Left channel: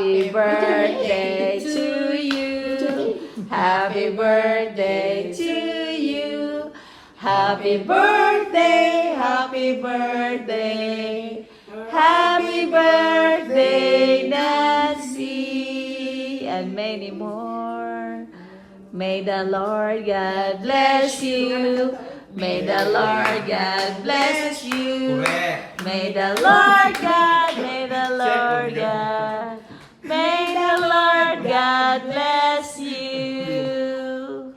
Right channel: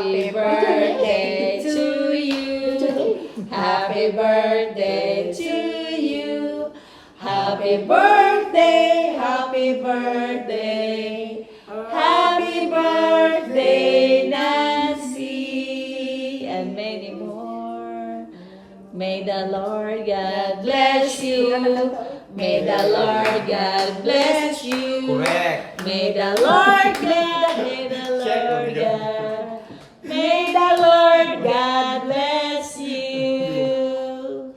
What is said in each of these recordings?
Happy birthday to you. Happy birthday to you. Happy birthday, happy birthday. Happy birthday, Nancy. And many more. May the Lord God bless you. May the Lord God bless you. Correct. May the Lord God, may the Lord God, may the Lord God bless you.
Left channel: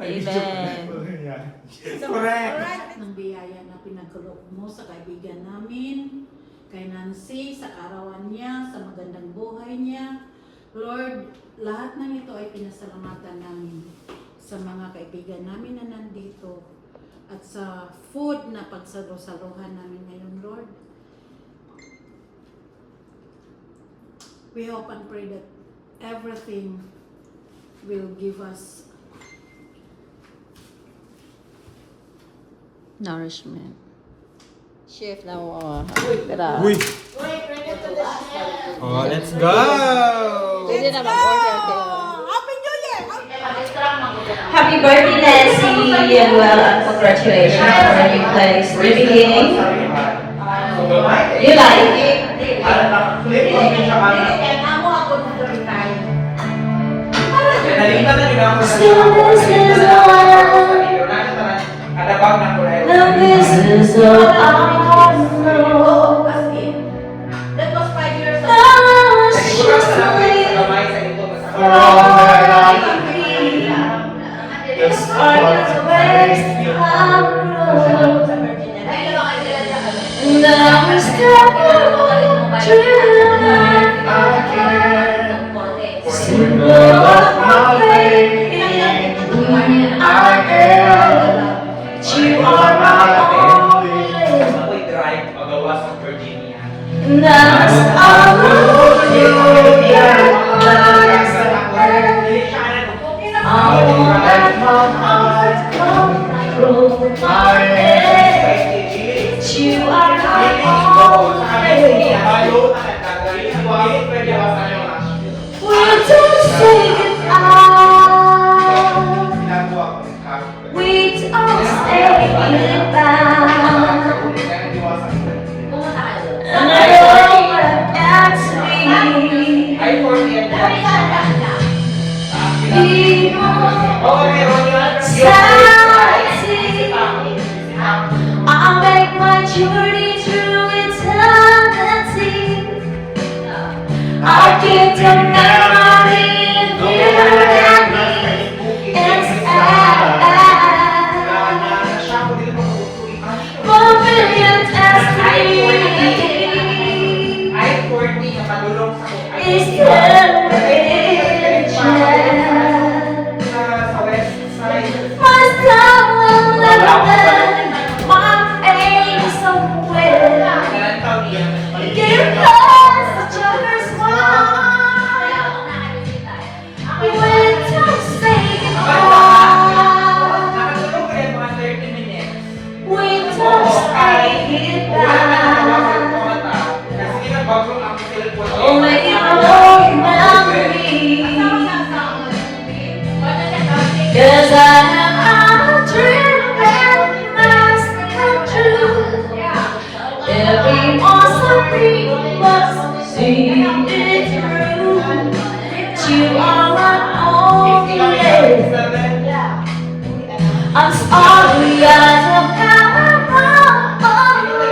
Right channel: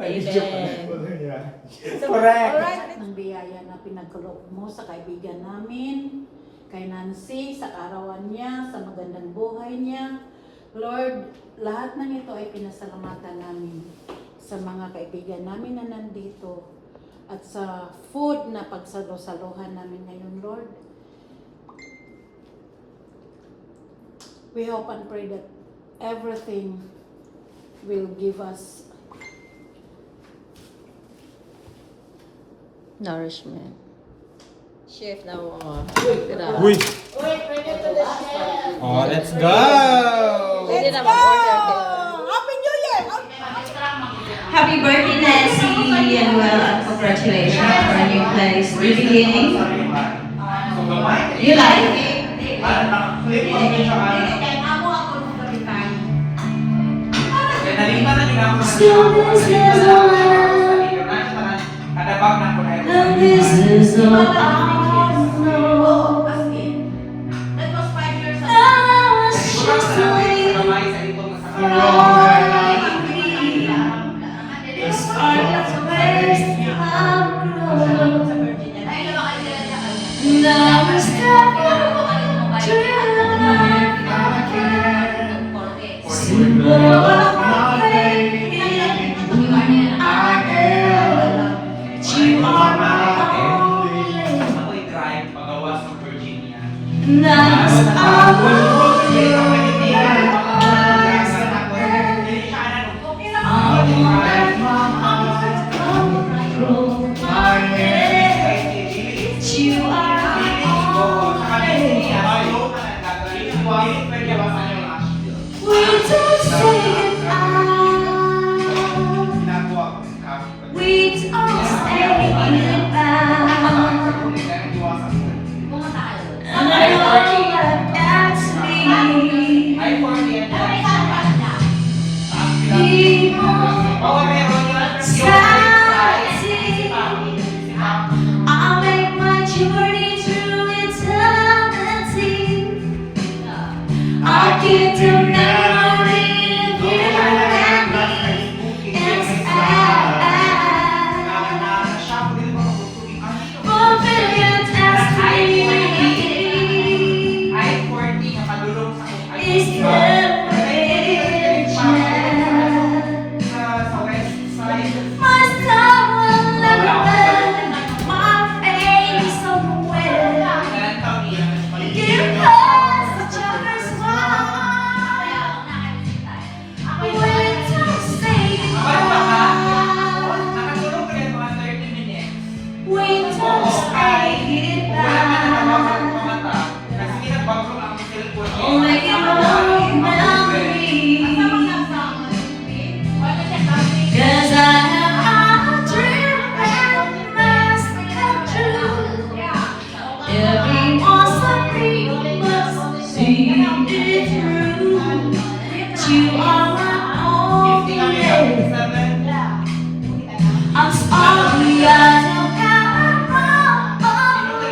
Amen. Correct. Lahat ng biyaya na pinagkaloob mo sa kaibigan namin, kay Nancy, sa arawan niya, sa magandang buhay niya. Lord, lahat ng ito ay pinasalamatan namin sa mga kaibigan namin na nandito at sa food na pagsalusaluhan namin ngayon, Lord. We hope and pray that everything will give us Nourishment. Chef na Uy! Oh, let's go! Pwede na mag-order kayo. Happy New Year! Happy birthday, Nancy, and well, and congratulations for a new place, the beginning. You like it? The business of our Lord. I was surely it's hard to waste our road. And I was symbol of my faith when I am. You are my only. And I love you, dear. I won't let my heart come through my head. You are my only. We don't say goodbye. We don't say goodbye. And I know that that's me. I'll make my journey through eternity. I'll keep the memory of you and me inside. For millions as me is the oh, make it a memory. 'Cause I have a dream that must come true. Everyone's a must see it through. You are my only. I'm sorry I don't have a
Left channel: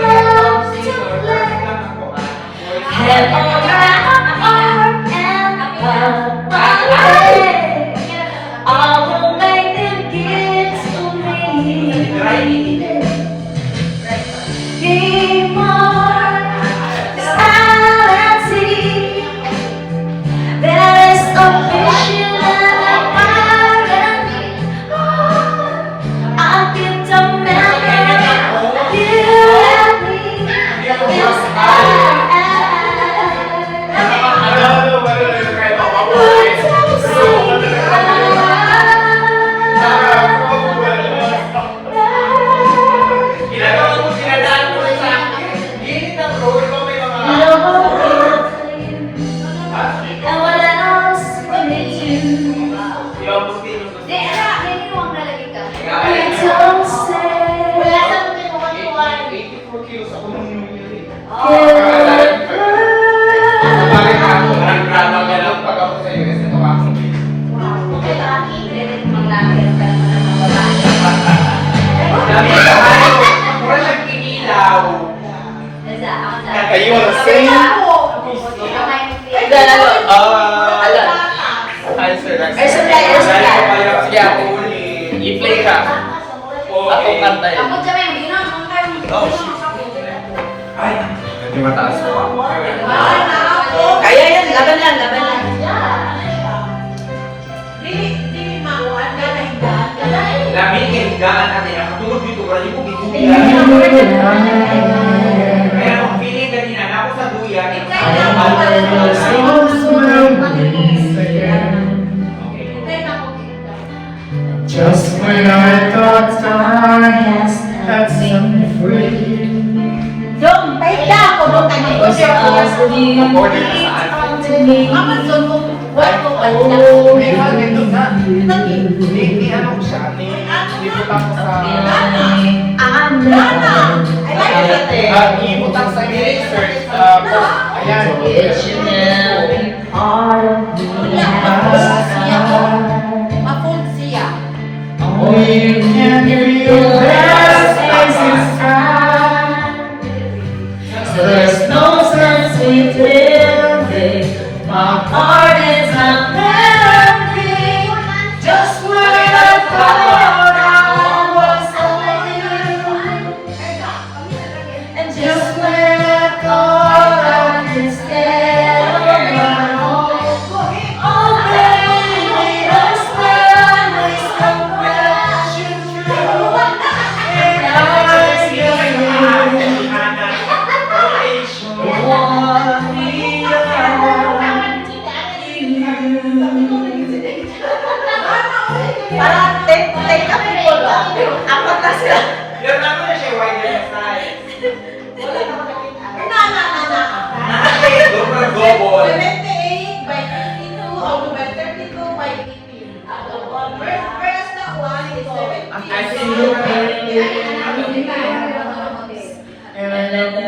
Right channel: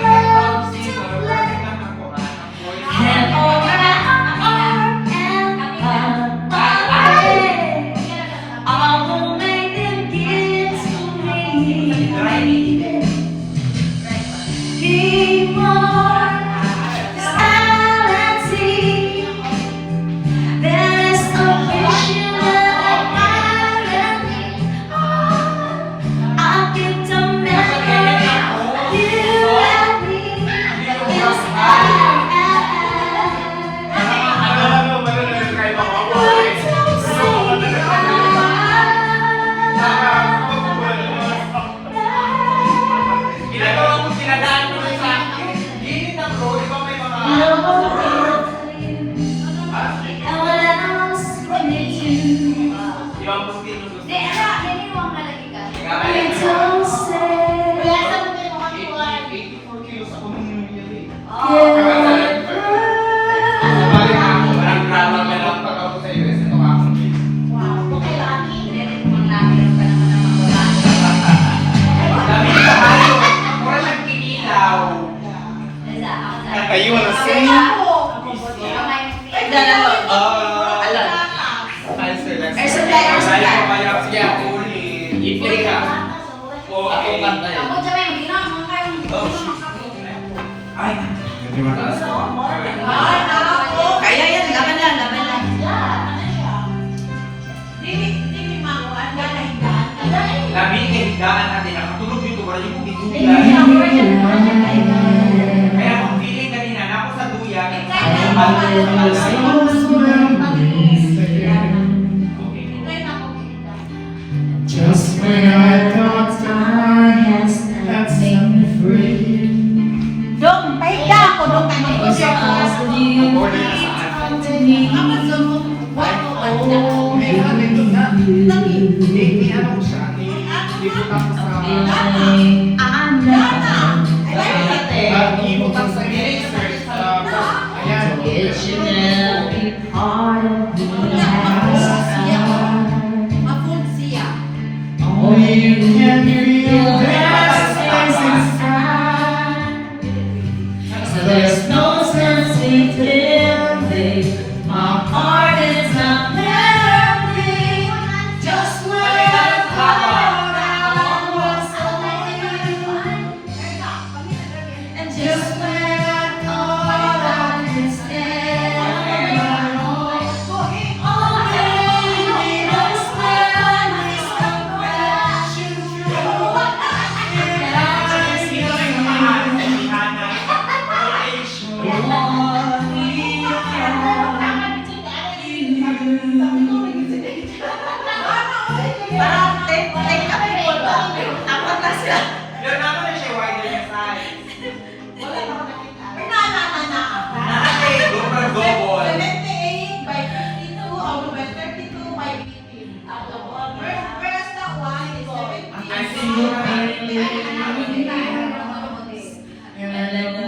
love to play. Head on my and my way. I will make them give to me. Give more sanity. There is a vision and a irony. I'll give the memory you and me inside. You wanna sing? Then alon. Alon. Hi, sir. Air supply, air supply. Yeah, i-play ka. Ako kanta yun. Ay, medyo mataas. Kaya yan, laban lang, laban lang. Lamin kahigaan natin. Ang tulog dito, wala yung biguya. Kaya kung feeling na ginanap ko sa duyan, Just when I thought I had set me free, Dong, tayo na ako. Dong, tayo na ako. order na saan. Amazon mo. Wala ko pa. May ito na. Ni ano ko siya, ibutang ko sa... Ibutang sa research. Ayan. It should never be part of me. Mapul siya. only you can feel best place inside. So there's no sense in living. My heart is not melting. Just when I thought I was alone. And just when I thought I could stand on my own. Oh baby, that's when I come crashing through. And I see parang take a people ba? Ako kasi. Yan ano na siya, wider na side. Doon pa double. 28 by 52 or by 32 by 18. Whereas that one is 17. I see you. And I let go.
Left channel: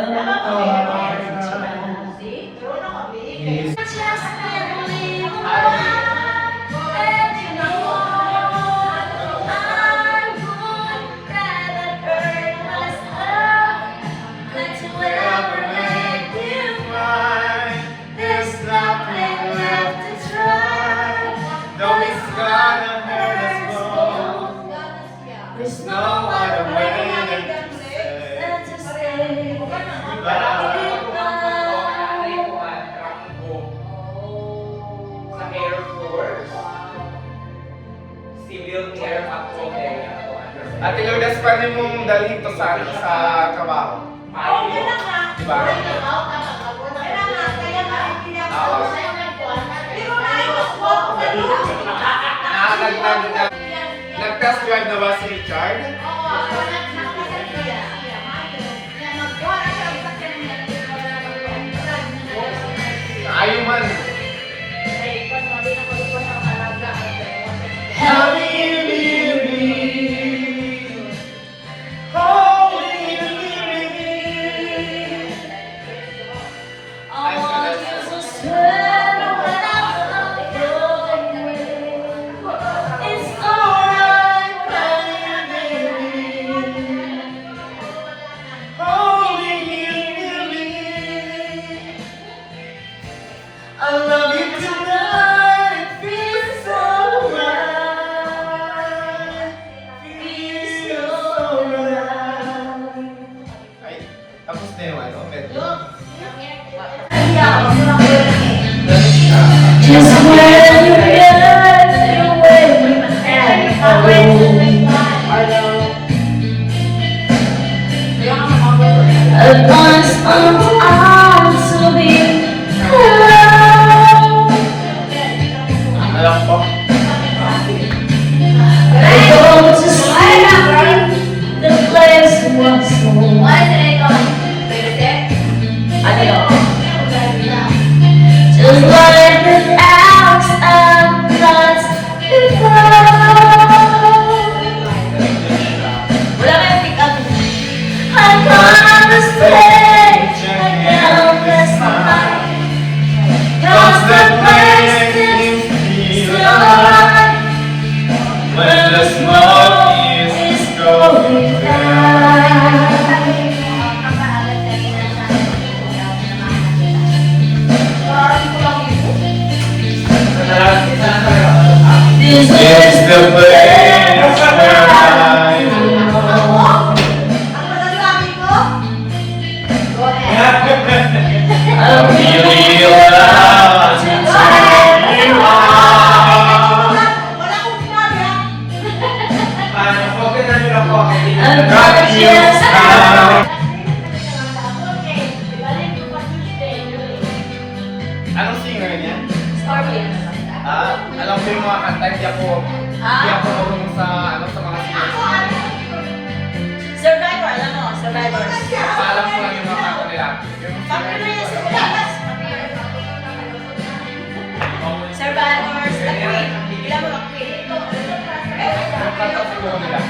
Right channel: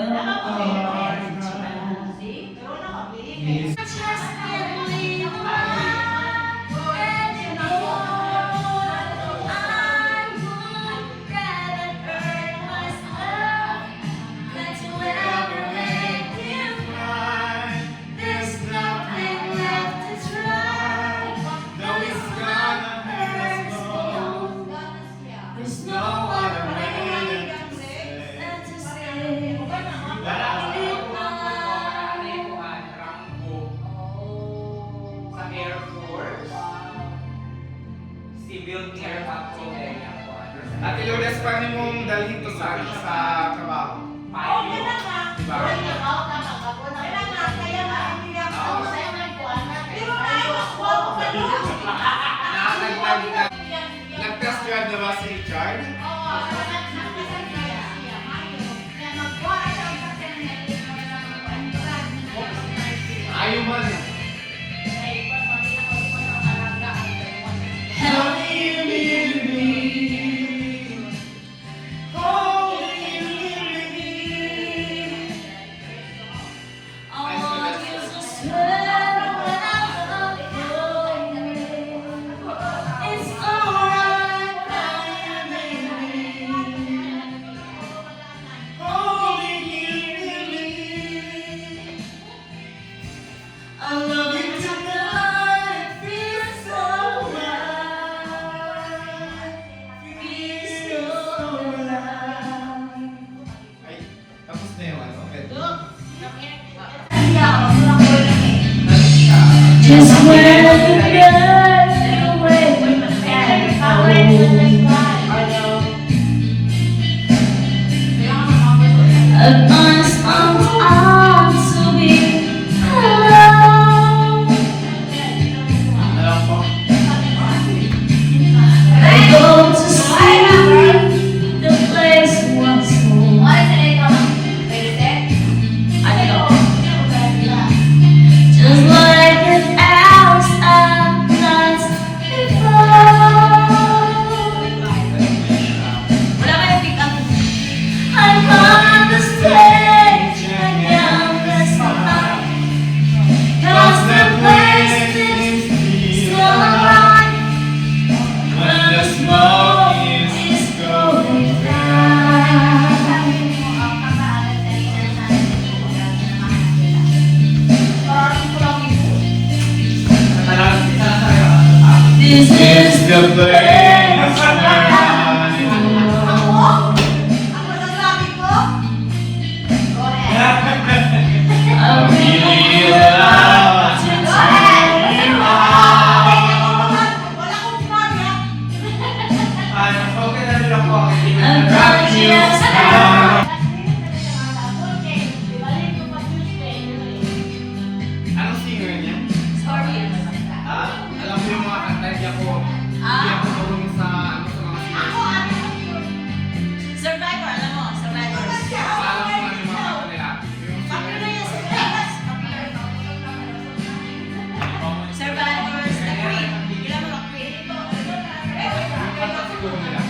There's no other way than to say goodbye. Sa Air Force. Civil Air Patrol area. Ate Lourdes, paano mong dalhin to sa kabaho? Diba? Nag-test drive na ba si Richard? Ayaw man. How do you leave me? Oh, you're so sweet when I'm away. It's alright, baby. I love you tonight, it feels so right. Feels so right. Ay, tapos na yung ano, pero... Just when you get away advance arms to be alone. Alam ko. I go to sleep, the place was home. I know. Just like the hours I'm lost before. Wala kayong pick up. I'm on the stage, I can't rest my mind. 'Cause the place is still alive. When the snow is going down. place where I belong. I'm really allowed to take you on. Okay na nila po. Not just how. Anong singer niya? Scorpion. Alam ko yung mga kanta, hindi ako marunong sa mga singer. Survivor, alam mo, Survivors. Alam ko lang yung mga kanta nila. Popular yan sa Pinas. Survivors, The Queen. Ilan mo ang Queen? Yung kanta siguro nila.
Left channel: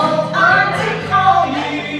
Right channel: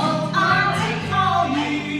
Oh, I'm to call you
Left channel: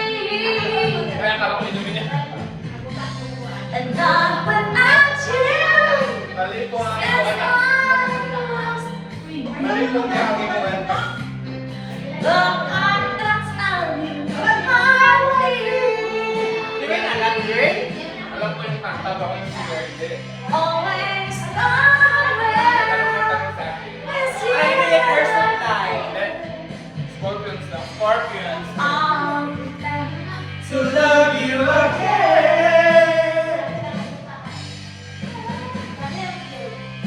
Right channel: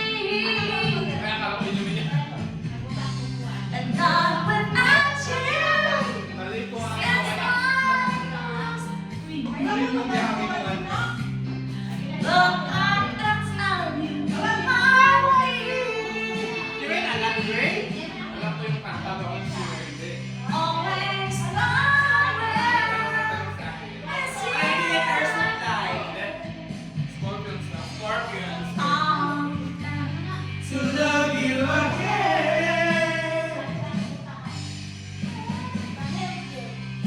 Kaya akala ko inumin niya. And not without you. Mali ko nga And ako. I'm lost. Mali ko nga ako. Look, I'm not telling you. I will Di ba yung alam ko, Dre? Alam ko yung kanta ba ko yung singer, hindi. always Tanong na somewhere. tanong sa akin. With you. Ay, hindi yung person tayo. Scorpions na. Scorpions. To love you again.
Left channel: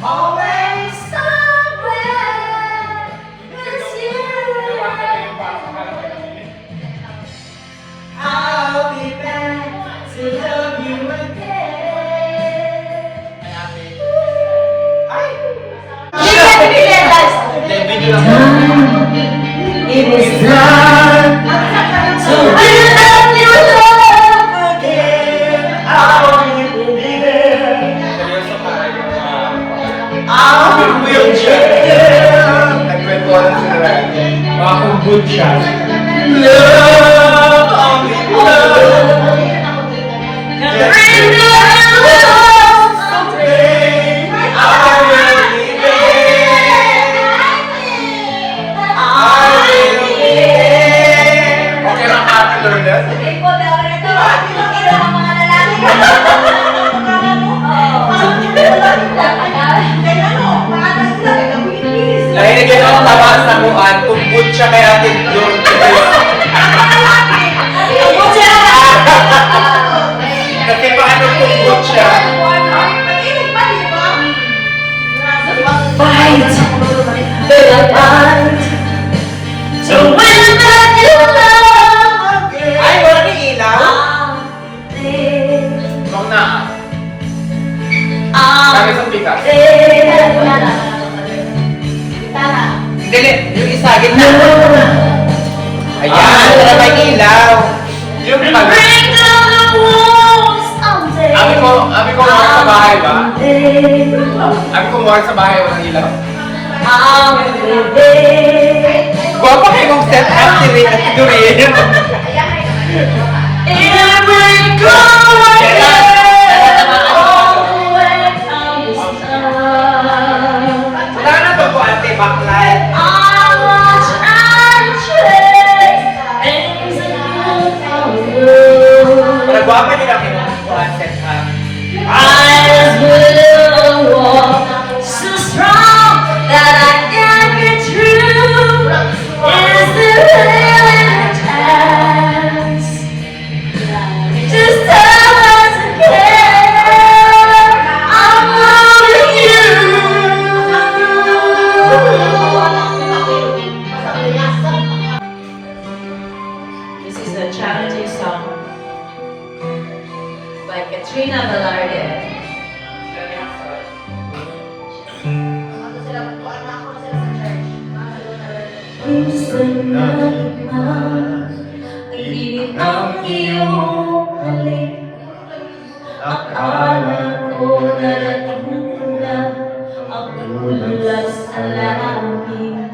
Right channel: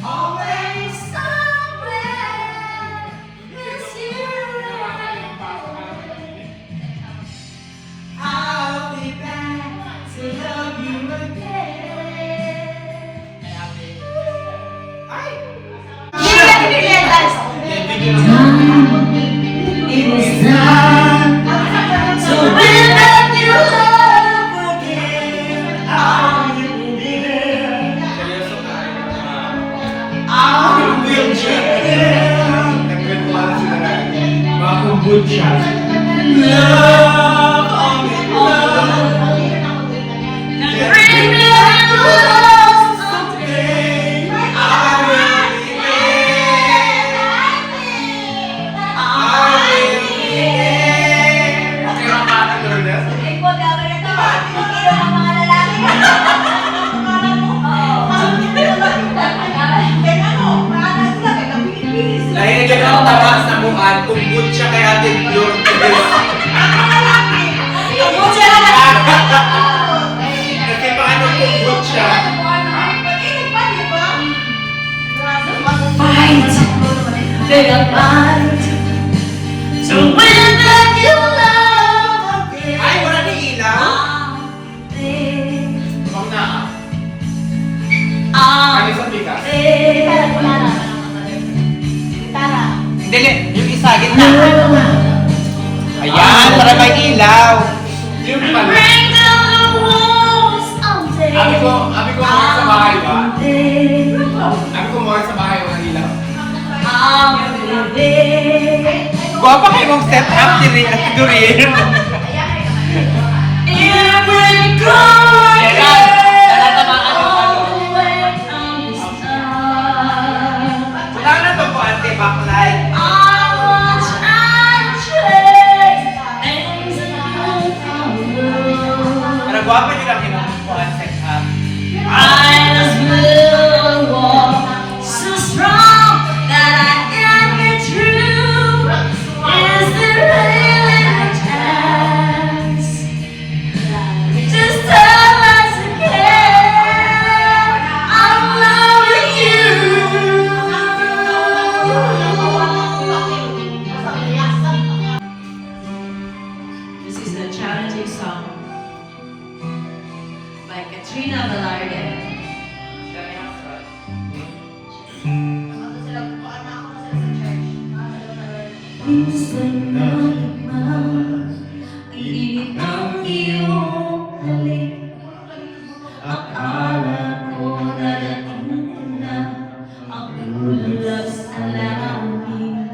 Always somewhere. With you. I'll be back to love you again. Ay! It is Time So when you love again, Seryoso ka. I'll wheelchair. Nagkwento sila. Baka kung good shot. Love, only love. bring me home someday. I will be there. I'll be there. Okay lang natin, Lord. Lahi na gano'n ang tawa sa muan, tumbod siya kay Ate Lord. Kasi paano tumbod siya? Fight the fight. So when you love again, Ay, wala ni ilaw? I'll live. Ikaw na. I'll Sabi sa bigas. Hindi, yung isa, gitna. Ayan, para may ilaw. Yung tabi. bring down the walls someday. Abi ko mawag sa bahay ba? Abi ko mawag sa bahay, walang ilaw. I'll live there. Guwapa kayo mong set up si Doreen. Every corner, all the way down the sun. Wala na to po, ate, backlight. I watch and trade things that you follow. Para guwapa nyo lang yung set up. I will walk so strong that I can get through. Is there really a chance to stop? naman ay init ang iyong halik. Akala ko narating na ang ulas sa langit.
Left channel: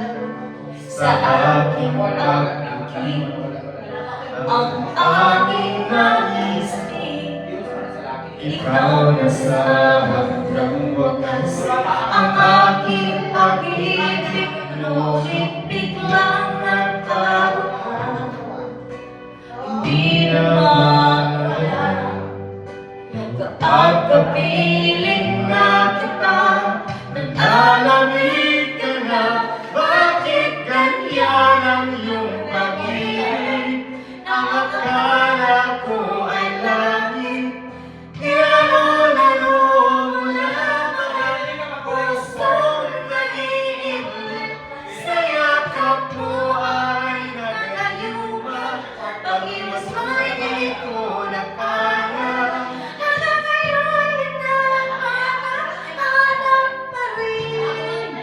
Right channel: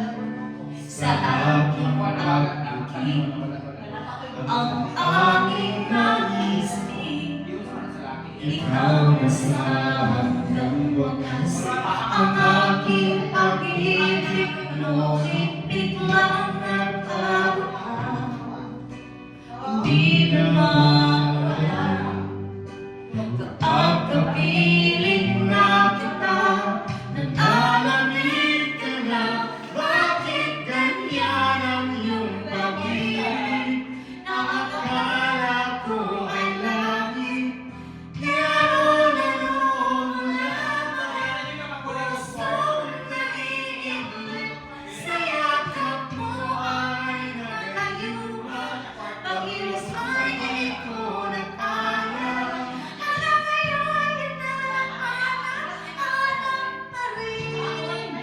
Sa aking pag-ibig, ang aking nag-isip, ikaw na sa hanggang wakas. Ang aking pag-ibig, ngunit biglang nagkaroon. Hindi na maalam kapag kapiling na kita, nag-alamig ka na. Bakit ganyan ang iyong pag-ibig? Akala ko ay langit, nilaro-laro mo lamang. Pusong naiinip, sa yakap mo ay nagayuma. Pag-iwas mo'y di ko nagpala. Hanggang ngayon hinahanap pa rin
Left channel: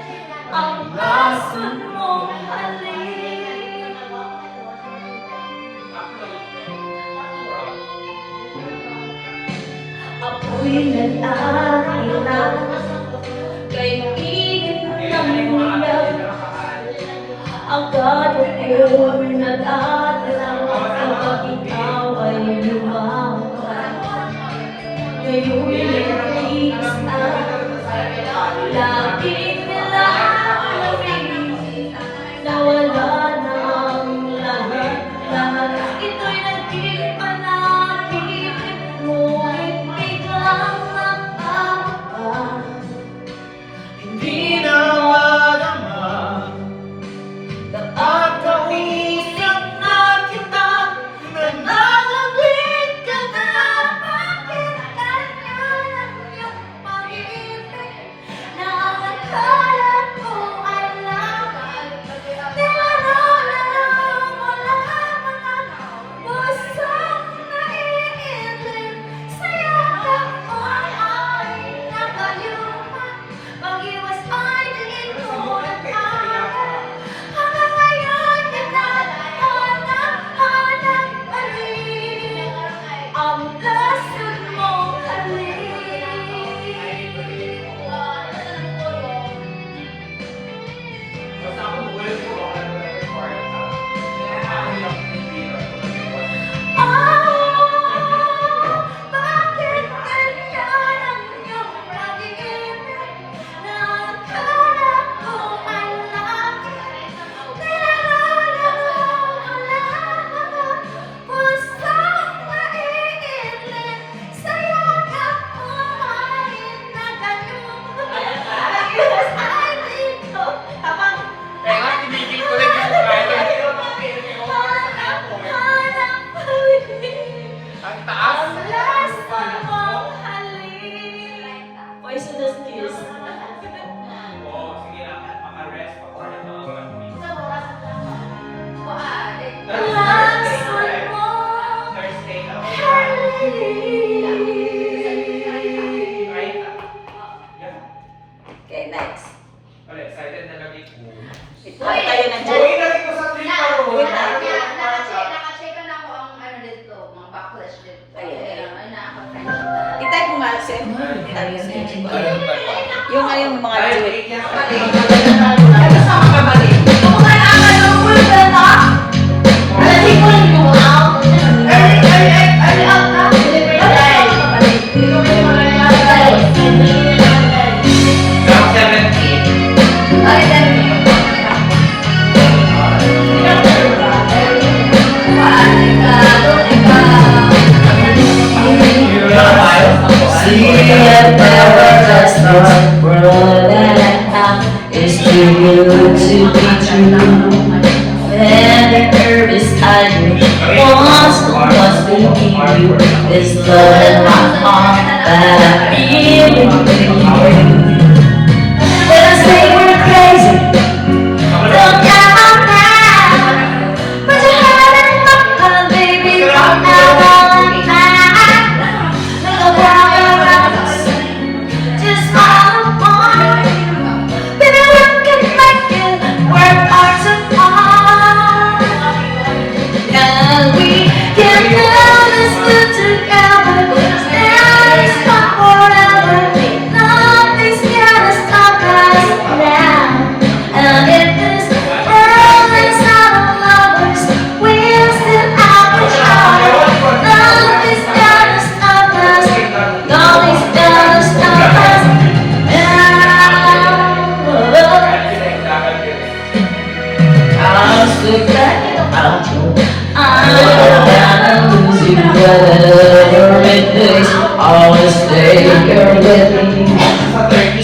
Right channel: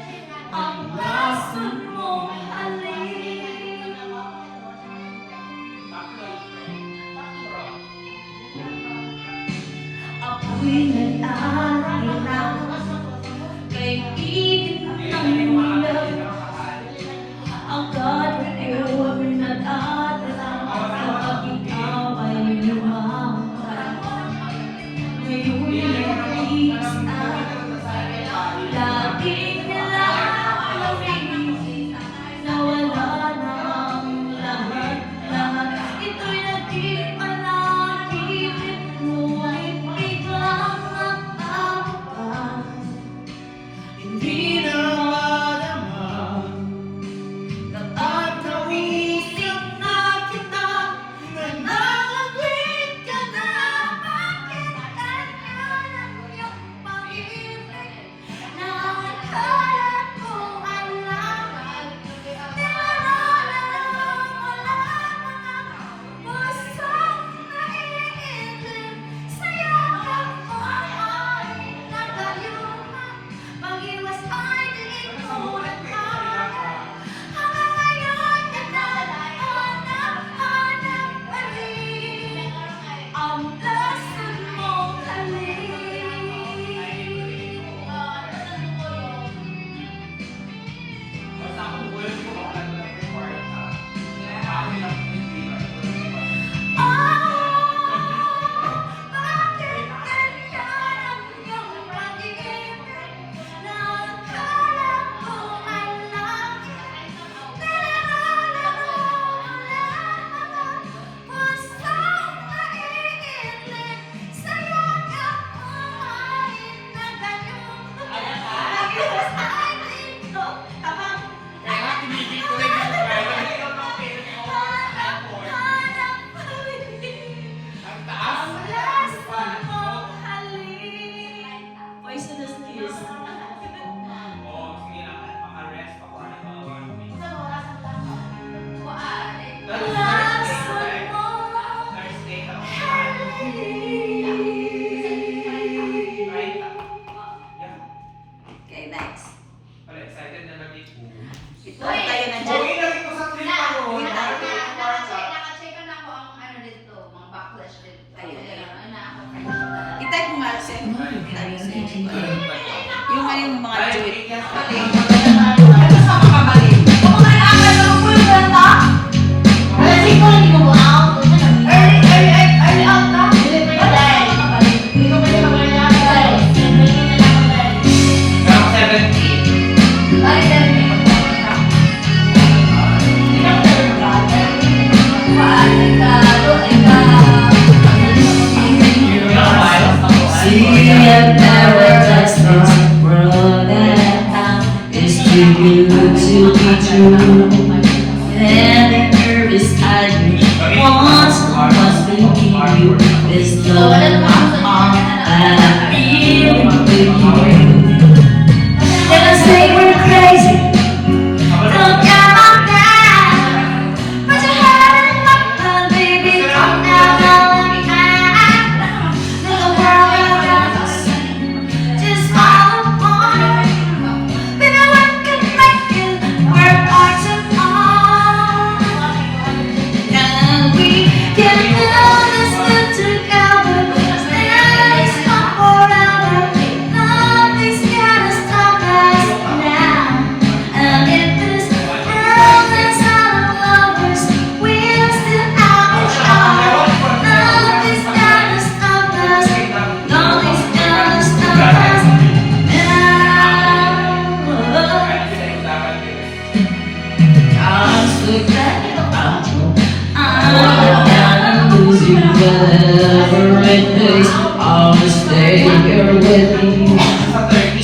ang lason mong halik. Ako'y nag-aalala kay init ng ulan. Agad ako'y nag-aalala kapag ikaw ay lumaban. Ngayon'y nag-iis at laging nilalamin na wala na ang lahat. Ito'y naging panaginip mo ay biglang nagkakaba. Hindi na madama kapag kapiling na kita, nananawid ka na. Bakit ganyan ang iyong pag-ibig? Na akala ko ay laban, nilaro-laro mo lamang. Pusong naiinip, sa yakap mo ay nagayuma. Pag-iwas ay di ko nagpala. Hanggang ngayon hinahanap pa rin ang lason mong halik. Bakit ganyan ang iyong pag-ibig? Na akala ko ay langit, nilaro-laro mo lamang. Pusong naiinip, sa yakap mo ay nagayuma. Pag-iwas ay di ko habang hanap pa rin ang lason mong halik. Poisonous kiss. Lason mong halik. Okay, next. Excited na lagi po. Ano tayo na dyan? Uy, lagi ko sa trip pa ro. Wait lang. Naka-check na ako ang ano dito, mga backlash dito. Ayan. Ay, nakaka-check. I-type mo nga, Sir. Type mo siya. Yung ano yung mga duet. See, I've never just this world and I'm is to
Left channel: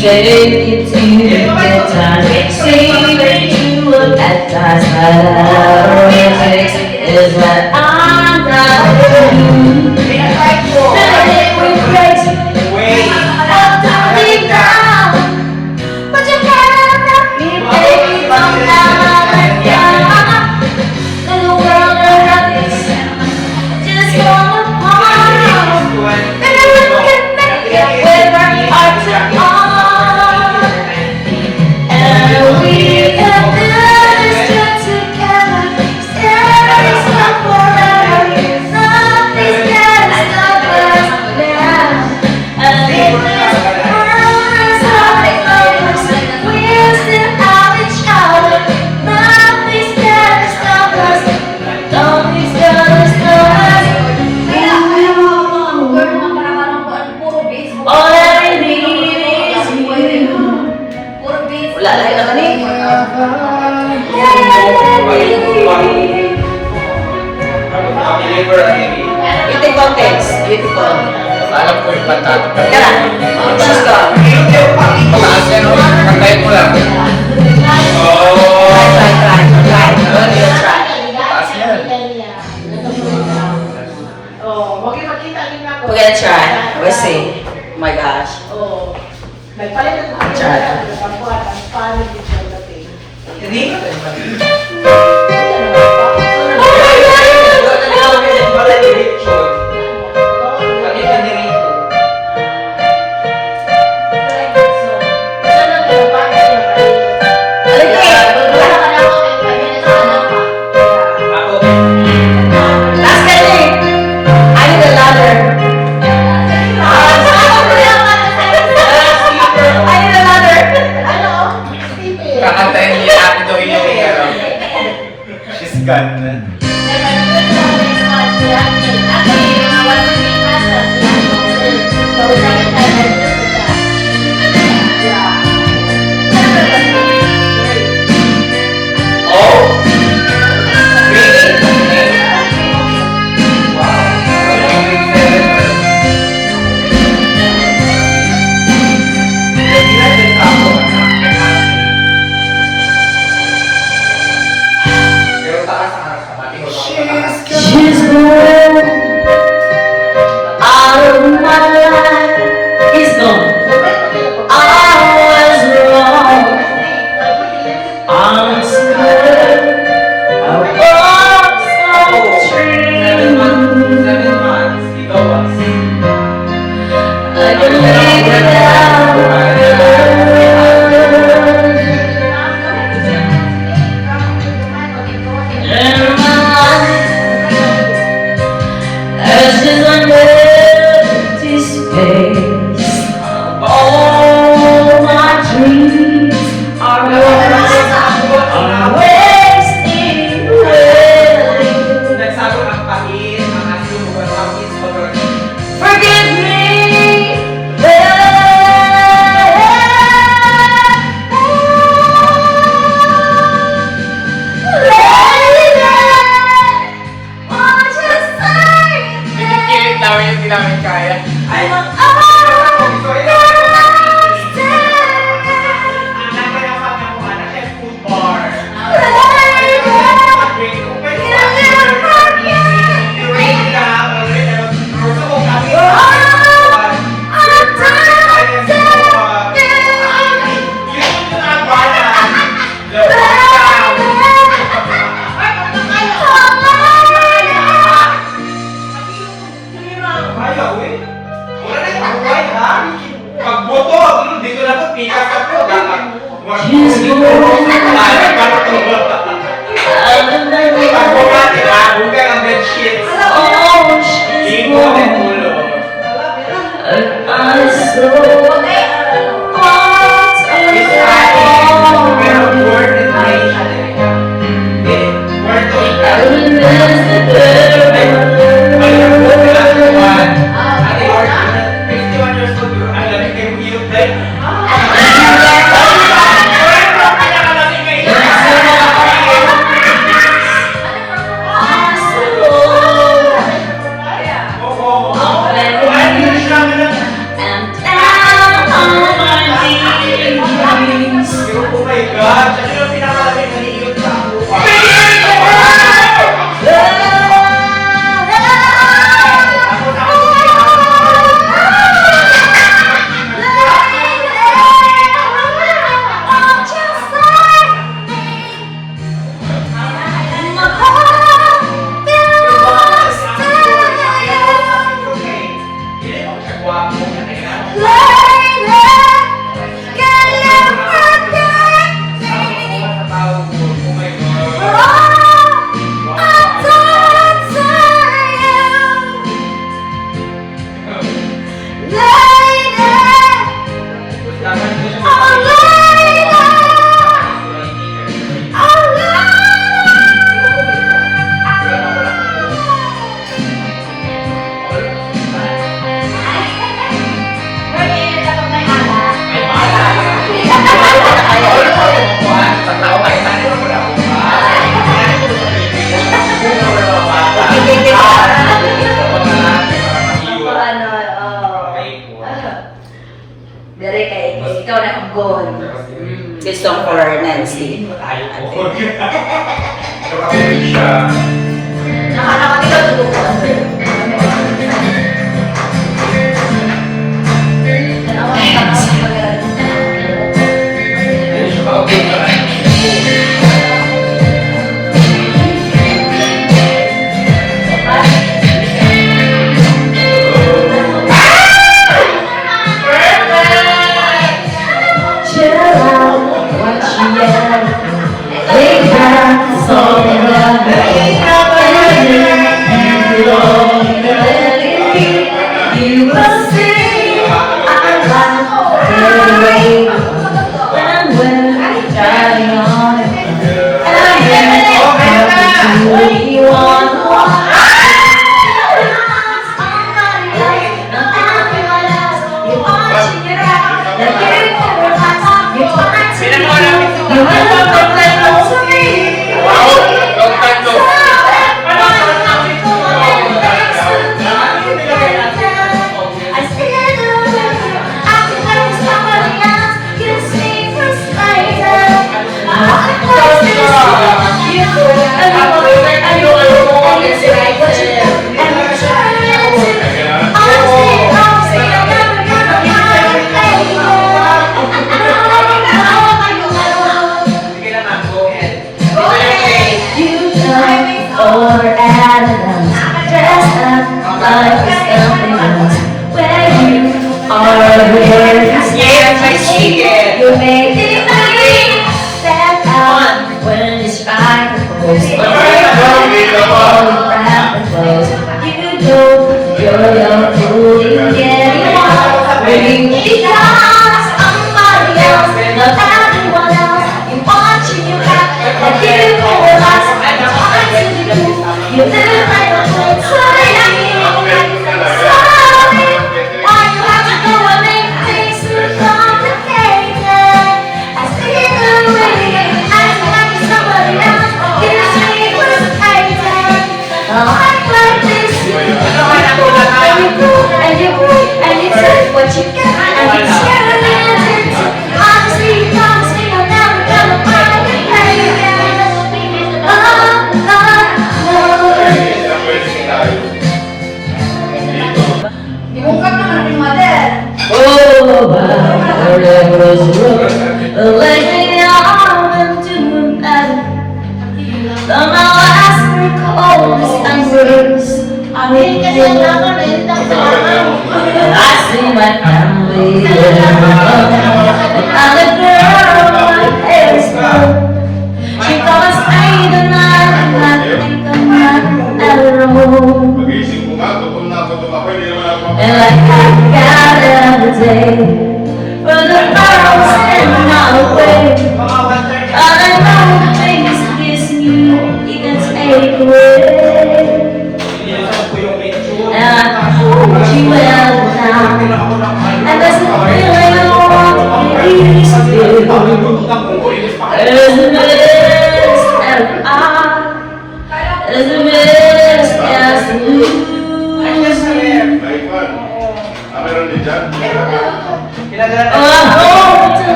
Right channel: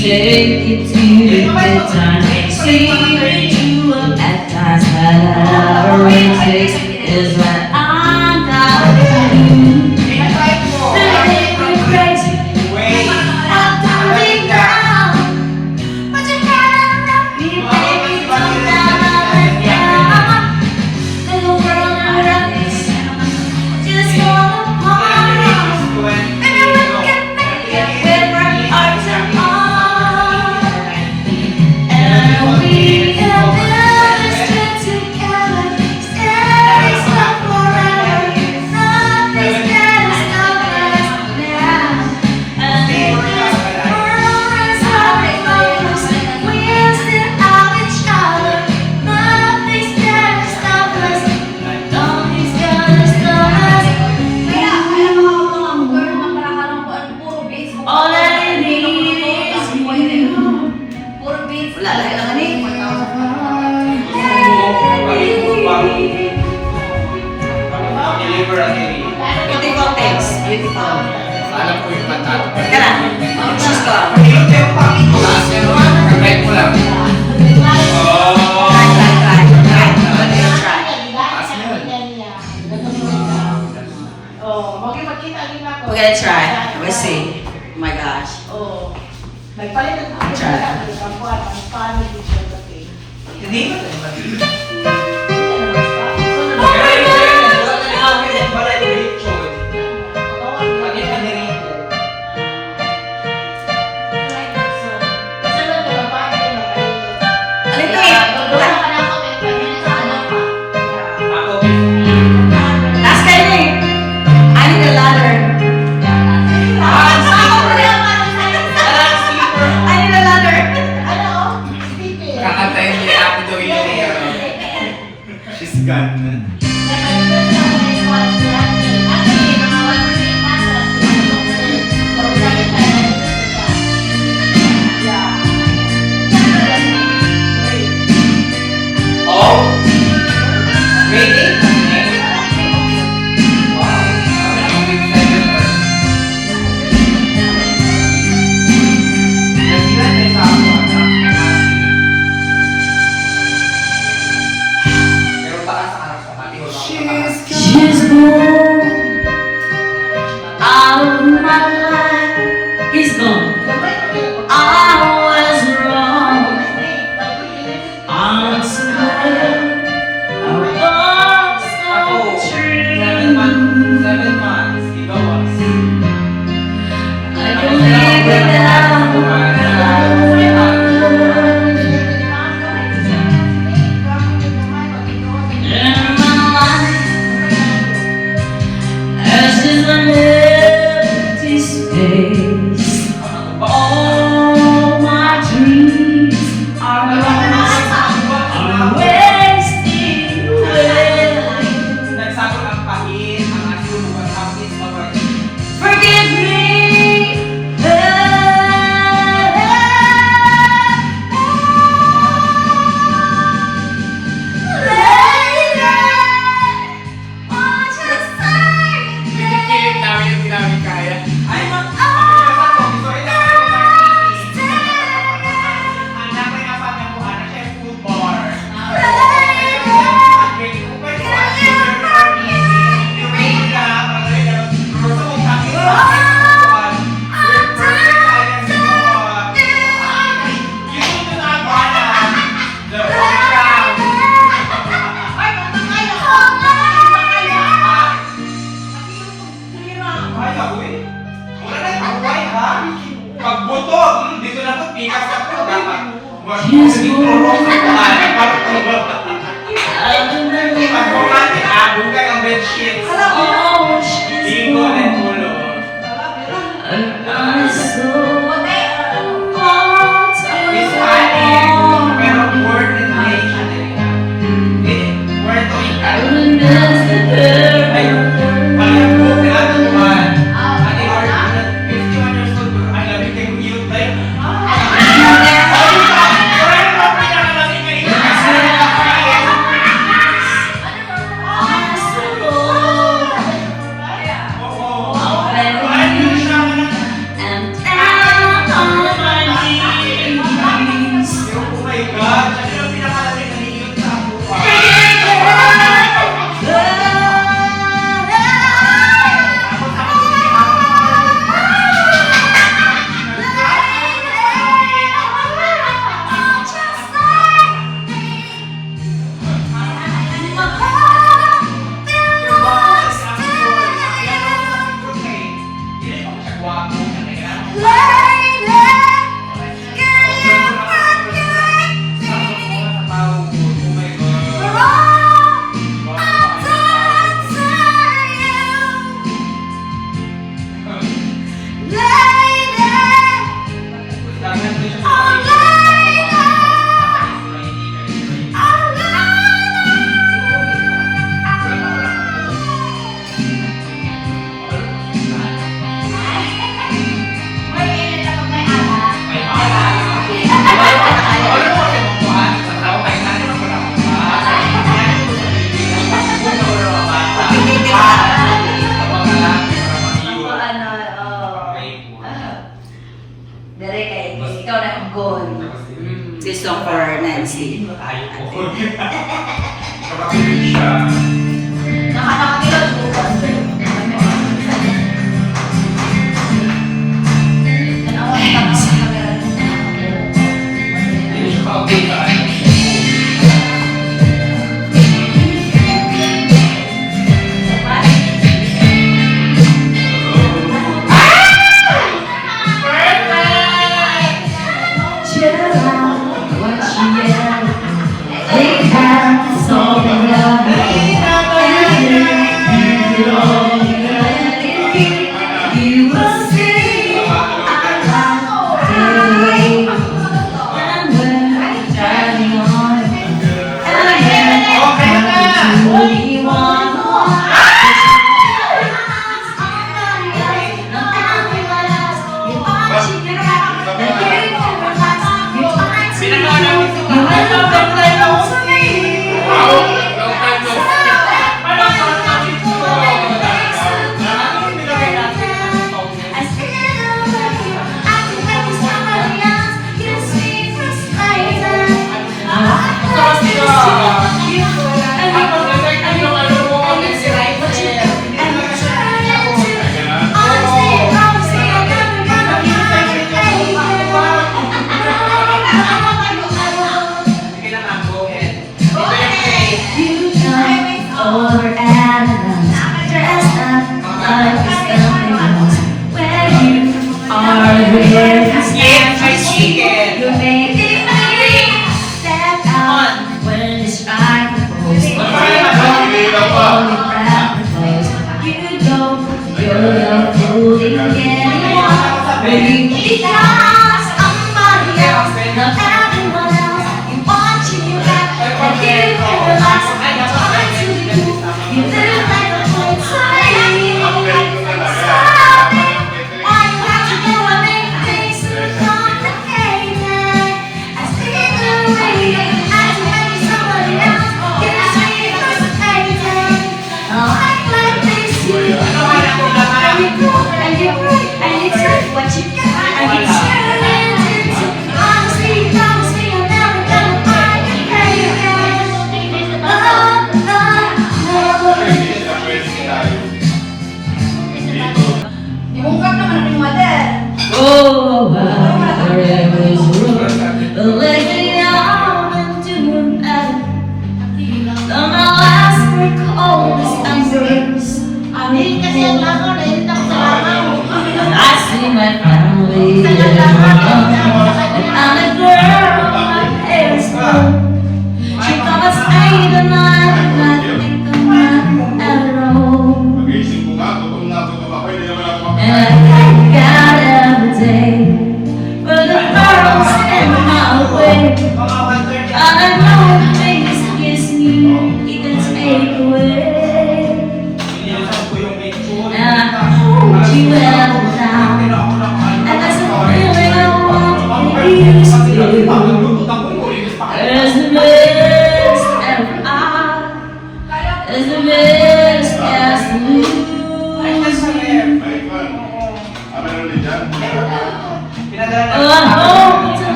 take it to the good times. See you at times, but all it takes is what I'm not doing. Living with crazy, I'm dying now. But you can't stop me, baby, from now and down. And the world around us just fall apart. Baby, we can make it with our hearts apart. And we can do this trip together. Stay so forever. Nothing's gonna stop us now. And if this world is hurting us, we'll still have each other. Nothing's gonna stop us. Nothing's gonna stop us. All I need is you. Wala lang naman eh. Beautiful text. Beautiful. Alam ko yung pantato. Teka na. Sus ka. Pataas yan, no? Kantayin mo lang. Oh! Try. We'll try. Pataas yan. We're gonna try. We'll see. Oh my gosh. Try. Last guy thing. I need a ladder. I need a ladder. Kakantayin ni Ate Do yung she's gone. Oh? Really? She's gone out of my life. He's gone. I was wrong. I'm scared. I was so true. I can live without her. In my life, there's just an empty space. All my dreams are wasting away. Forgive me, Kinikilit namin yung di namin kaya. And now Dari kay ikaw na ang goal. This song for Nancy.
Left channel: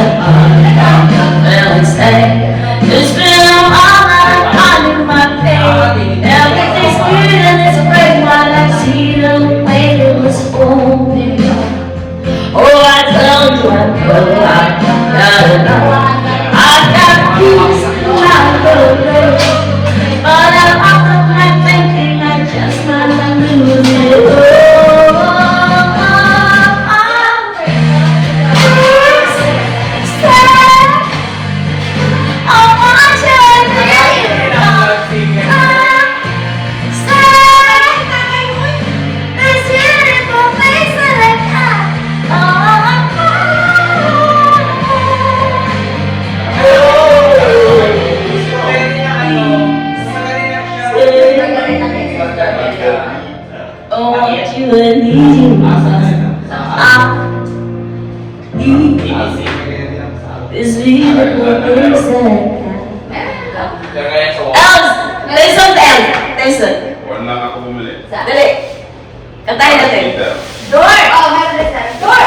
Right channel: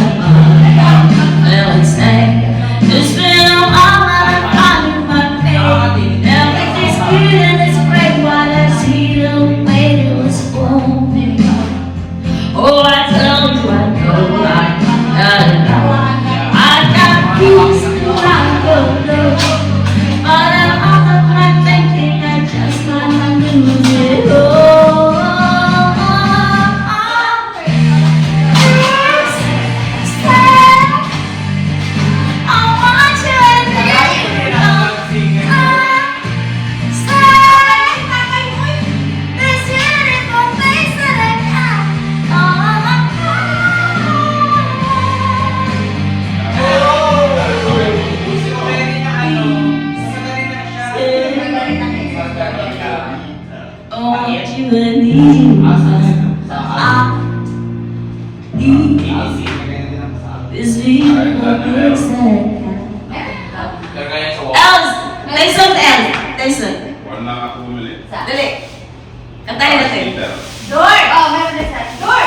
Well, it's been a while that I'm in my faith. Everything's good and it's great while I see the way it was open. Oh, I told you I gotta know. I got peace and I don't know. But I'm off of my thinking I just might lose it. Oh, want you and need you, I need this beautiful things that I got. Els! Listen, El! Listen. Wala ako bumili. Dali. Kantahin natin. Door! Oh, meron din tayo. Door!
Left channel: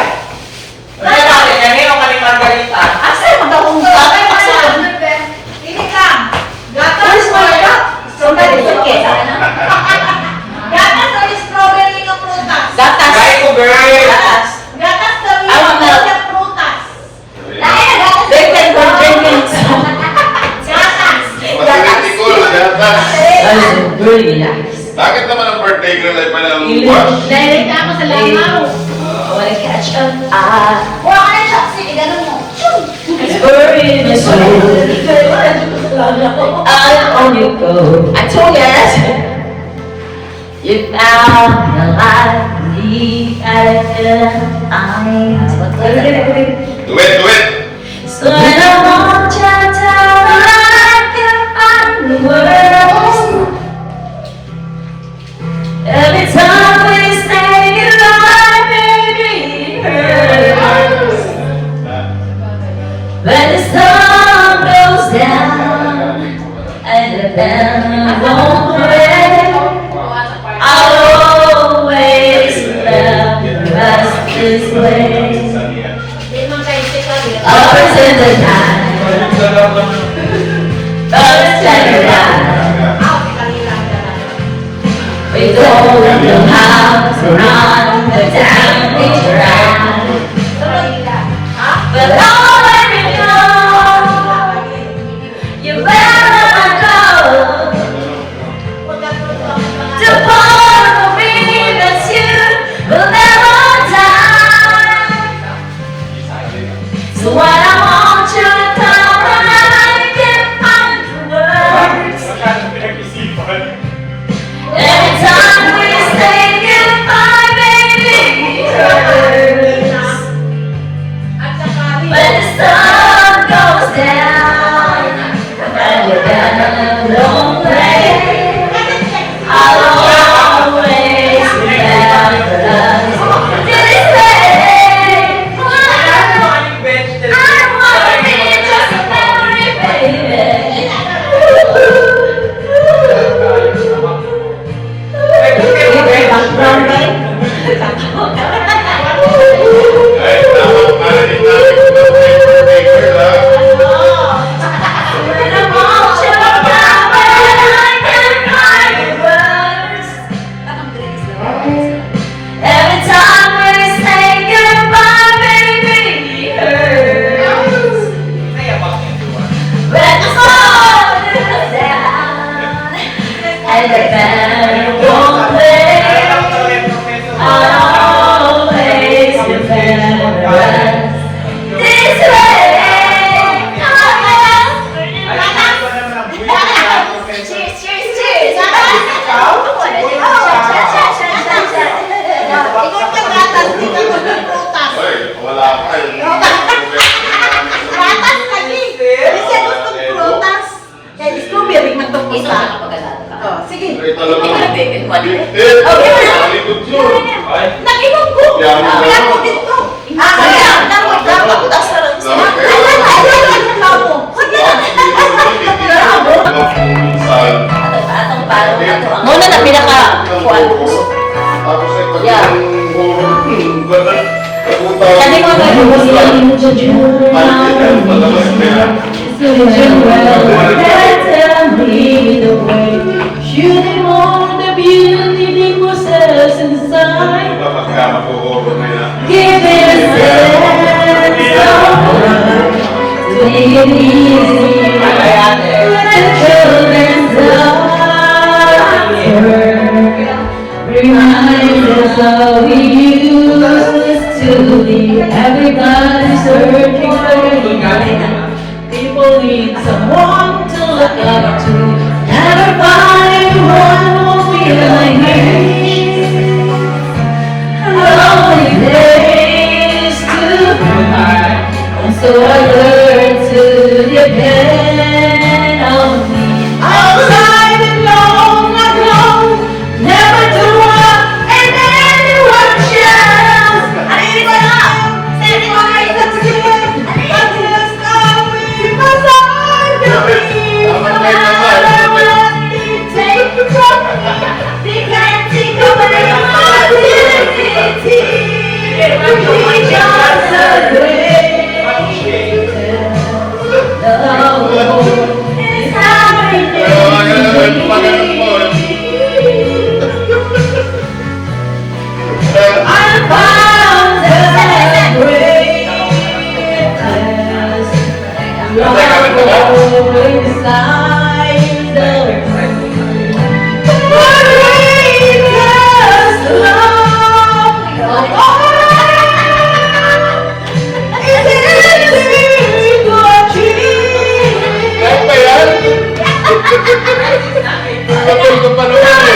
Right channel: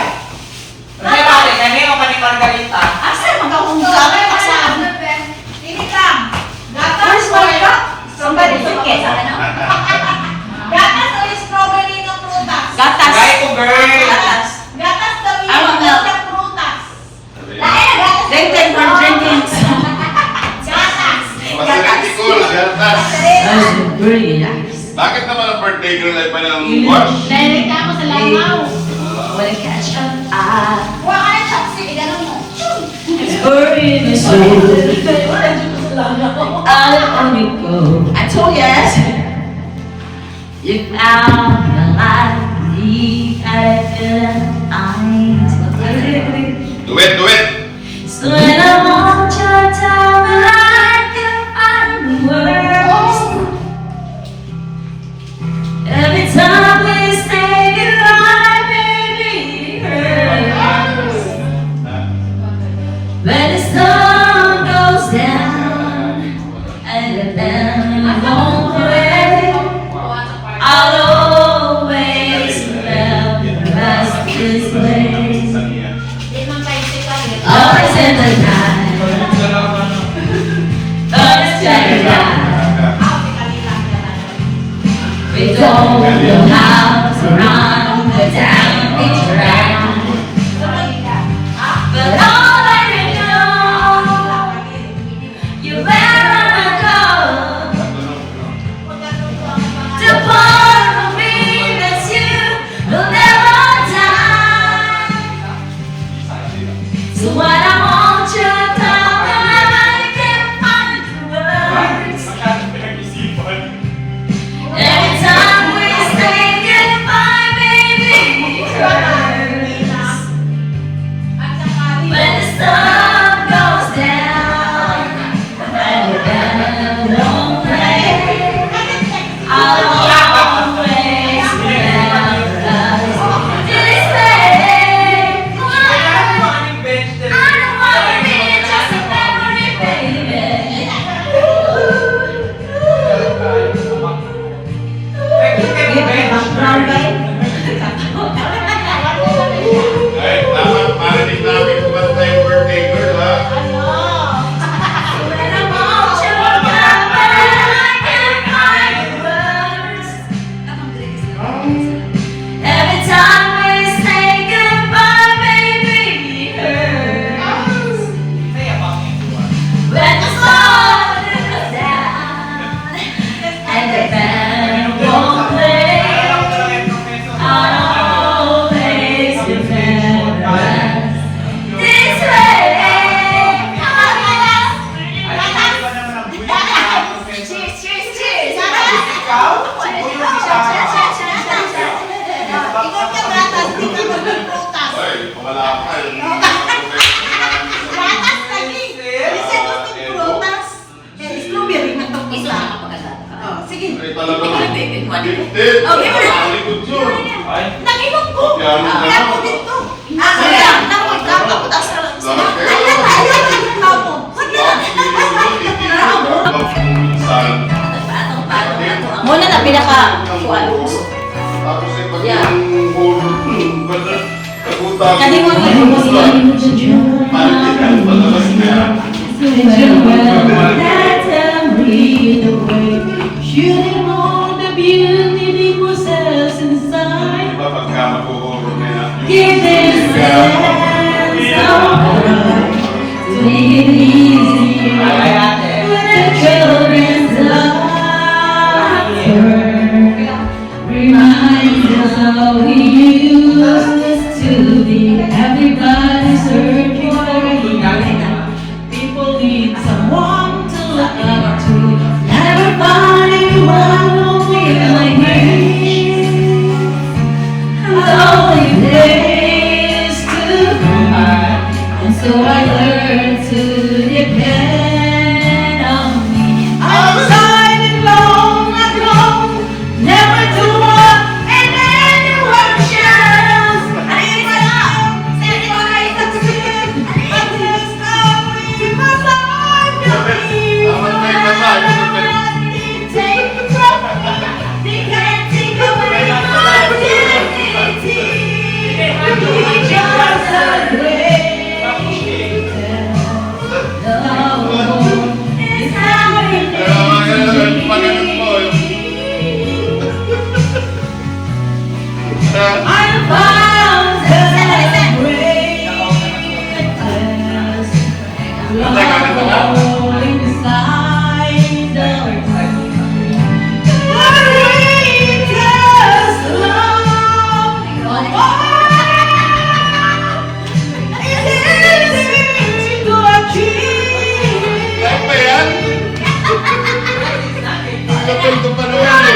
Asa yung magkakong sa akin? Ini lang. Where's my cup? Somebody took it. Gatas sa strawberry ng prutas. Gatas. Gatas. Gatas sa I want milk. ng prutas. They said we're drinking. Gatas. Mathematical, gatas. That is really nice. Bakit naman ang birthday girl ay pala ang You watch? let Ako sa langaw. I wanna catch up. Kuha ka ng chopstick. Ganun mo. It's burning me so. I on you go. I told you that's it. You found the light. I feel Do it, do it! so when I want you to tell me I can find the words. Every time we say goodbye, baby, it hurts. When the sun goes down and the band won't play, I'll always remember us this way. Always in the night, always take a ride. We go to the house around the town we ride. But all I know, you better not go to part of me that you will never die. So what I want you to come and I can't find the words. Every time we say goodbye, baby, it hurts. When the sun goes down and the band won't play, I'll always remember us this way. I wanna be just a memory, baby. Ay, tama, marinig namin kung ano yung birthday girl, ha? When I want you back, but I can't find the words. Every time we say goodbye, baby, it hurts. When the sun goes down and the band won't play, I'll always remember us this way. Cheers, cheers, cheers. Ikaw pa gatas. Dito mo ng prutas. Ay, wala pa eh. Gatas lagi. Kasi gusto ng prutas. Kaya strawberry man itong Ito isa. na kapagalato ka. Oh, sige. Ay, talaga. Bacon mo din. Likod yun. Ay, Nakinom ko. Yan. Kaya ko dito. Kaya, naman ka, maputas na lang siya. Ayan, labo. Huwag na. minsan. Atong palo na to. Ang muna na pinaka-kuwan. Tapos ay pag Yeah. yung gano'n, Sabi ko ba yung Malit doing well. Tell me the way. Shooting all the beauty that possess inside. Give this sense to make it easy. The children's suffer. Remind us of we used to be. Everybody's searching for me. People need someone to look up to. Never find one who feels like me. A lonely place to be. And so I learned to depend on me. Outside and long ago, never to walk in any workshops. I need my love, saving my life that's good. But here's now because I believe take it from me. They can't think of any possibility. We just agree. Kapal ko pa naman eh.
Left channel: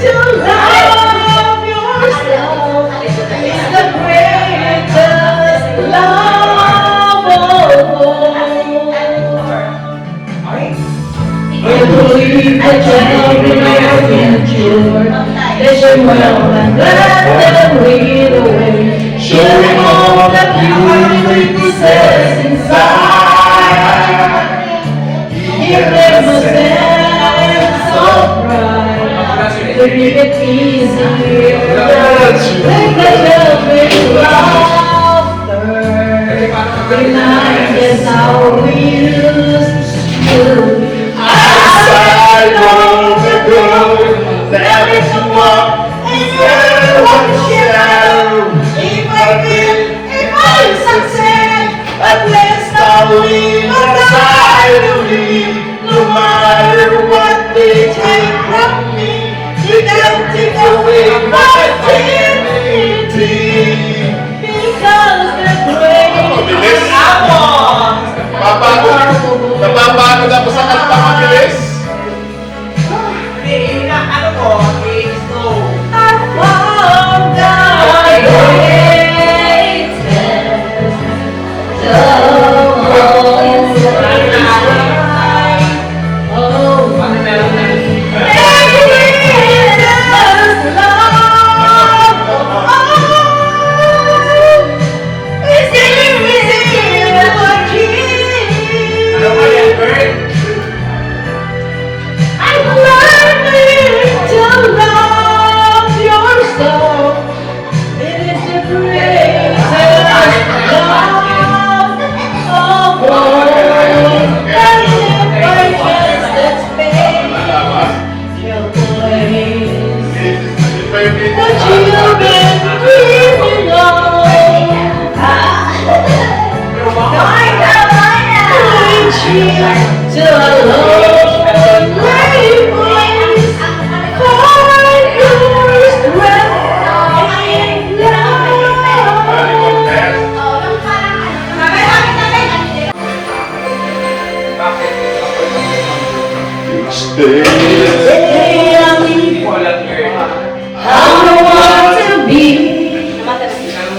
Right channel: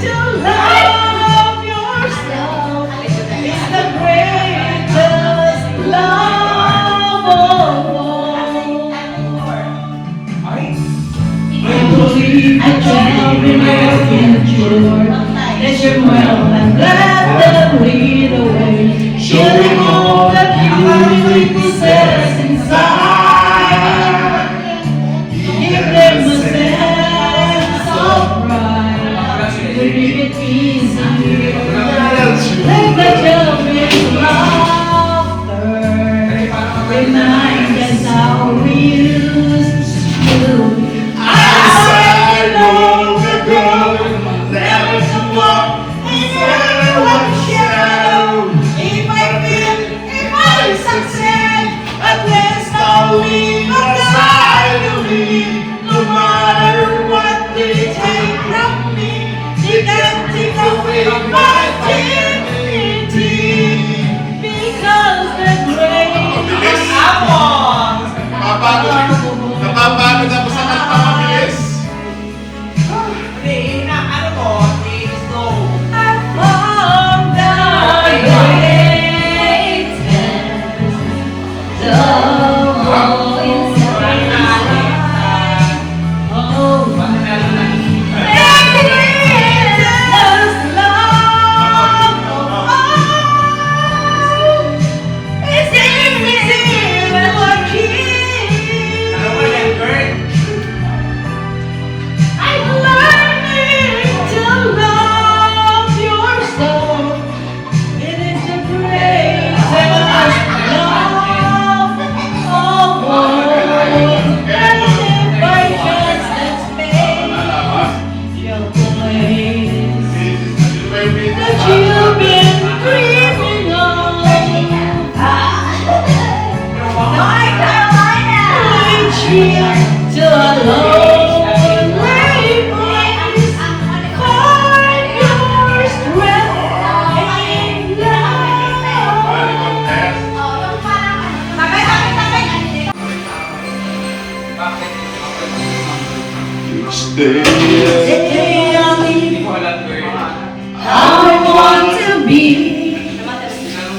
To love yourself is the greatest love of all. I believe that you'll be my future. That you're well and let them lead the way. Showing all the beauty possess inside. Give them a sense of pride. To make it easier. Make the children laughter. Remind us how we used to be. Outside on the road, never to walk in one shadow. If I fail, if I succeed, at least I'll leave aside of me. No matter what they take from me, they can't take away my dignity. Because the great Bilis! Napapagod ako sa kanta mabilis.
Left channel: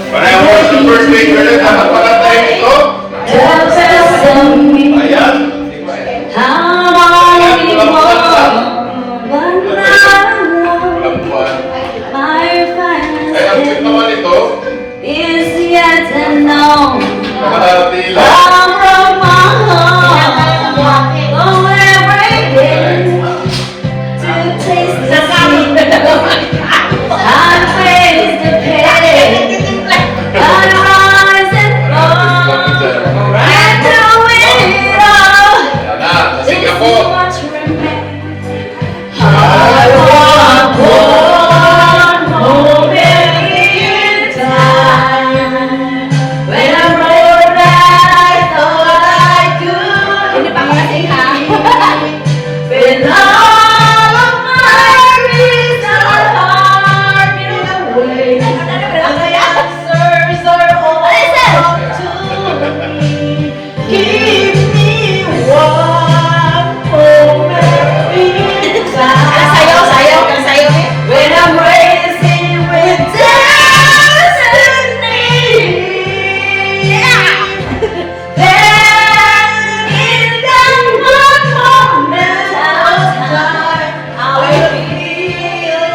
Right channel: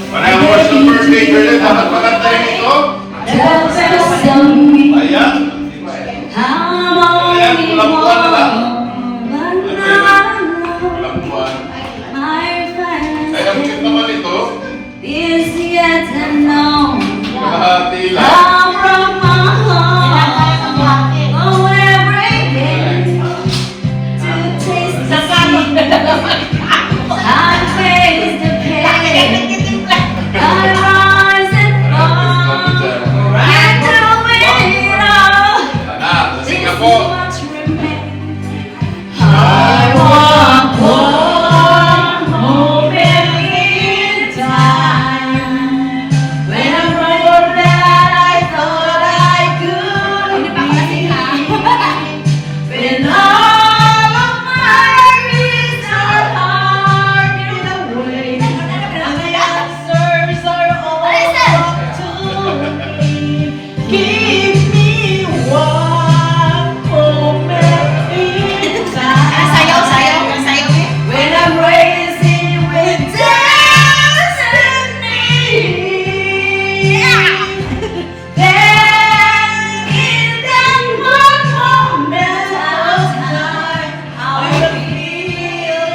Parang mo sa birthday girl, dapat pala tayo ito. Ayan. Walang buwan. Kaya ang cute naman ito. Is yet unknown. Kalahati lang. I'm from my home, going every day to taste the sweet. I taste the pain, I rise and fall, get the wind Give me one moment in time. Sayaw, sayaw, kan sayaw eh. When I'm racing with destiny. Then in that one moment of time, I will feel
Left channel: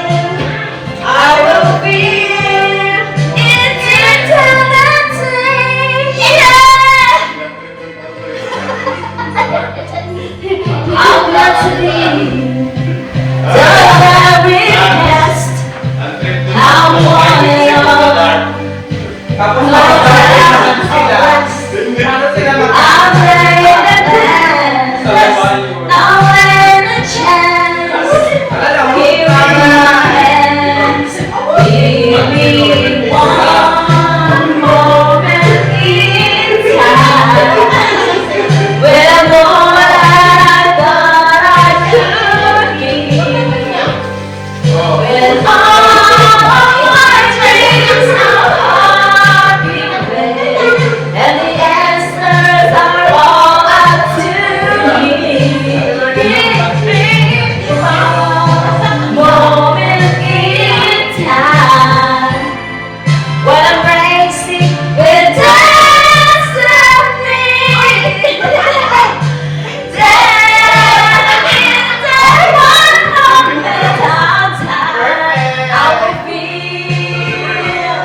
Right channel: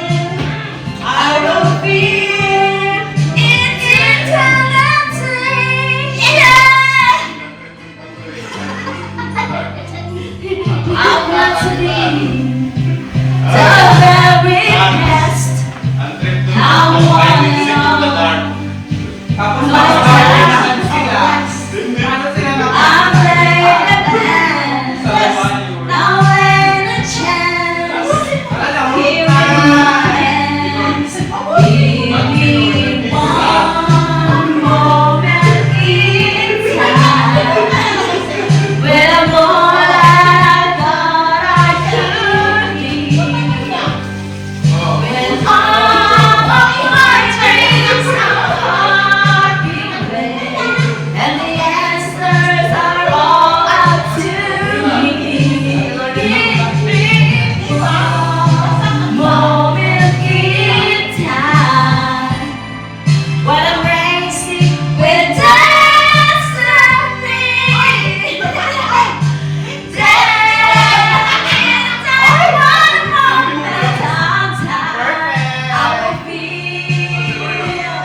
I'm glad to be the very best. I'm wanting Tapos I'm ready to dance. Now and a chance. Give me my hands. Give me one moment in time. When all I thought I could be. When all my dreams are being and the answers are all up to me. Give me one moment in time when I'm racing with destiny. Then in that one moment of time, I will feel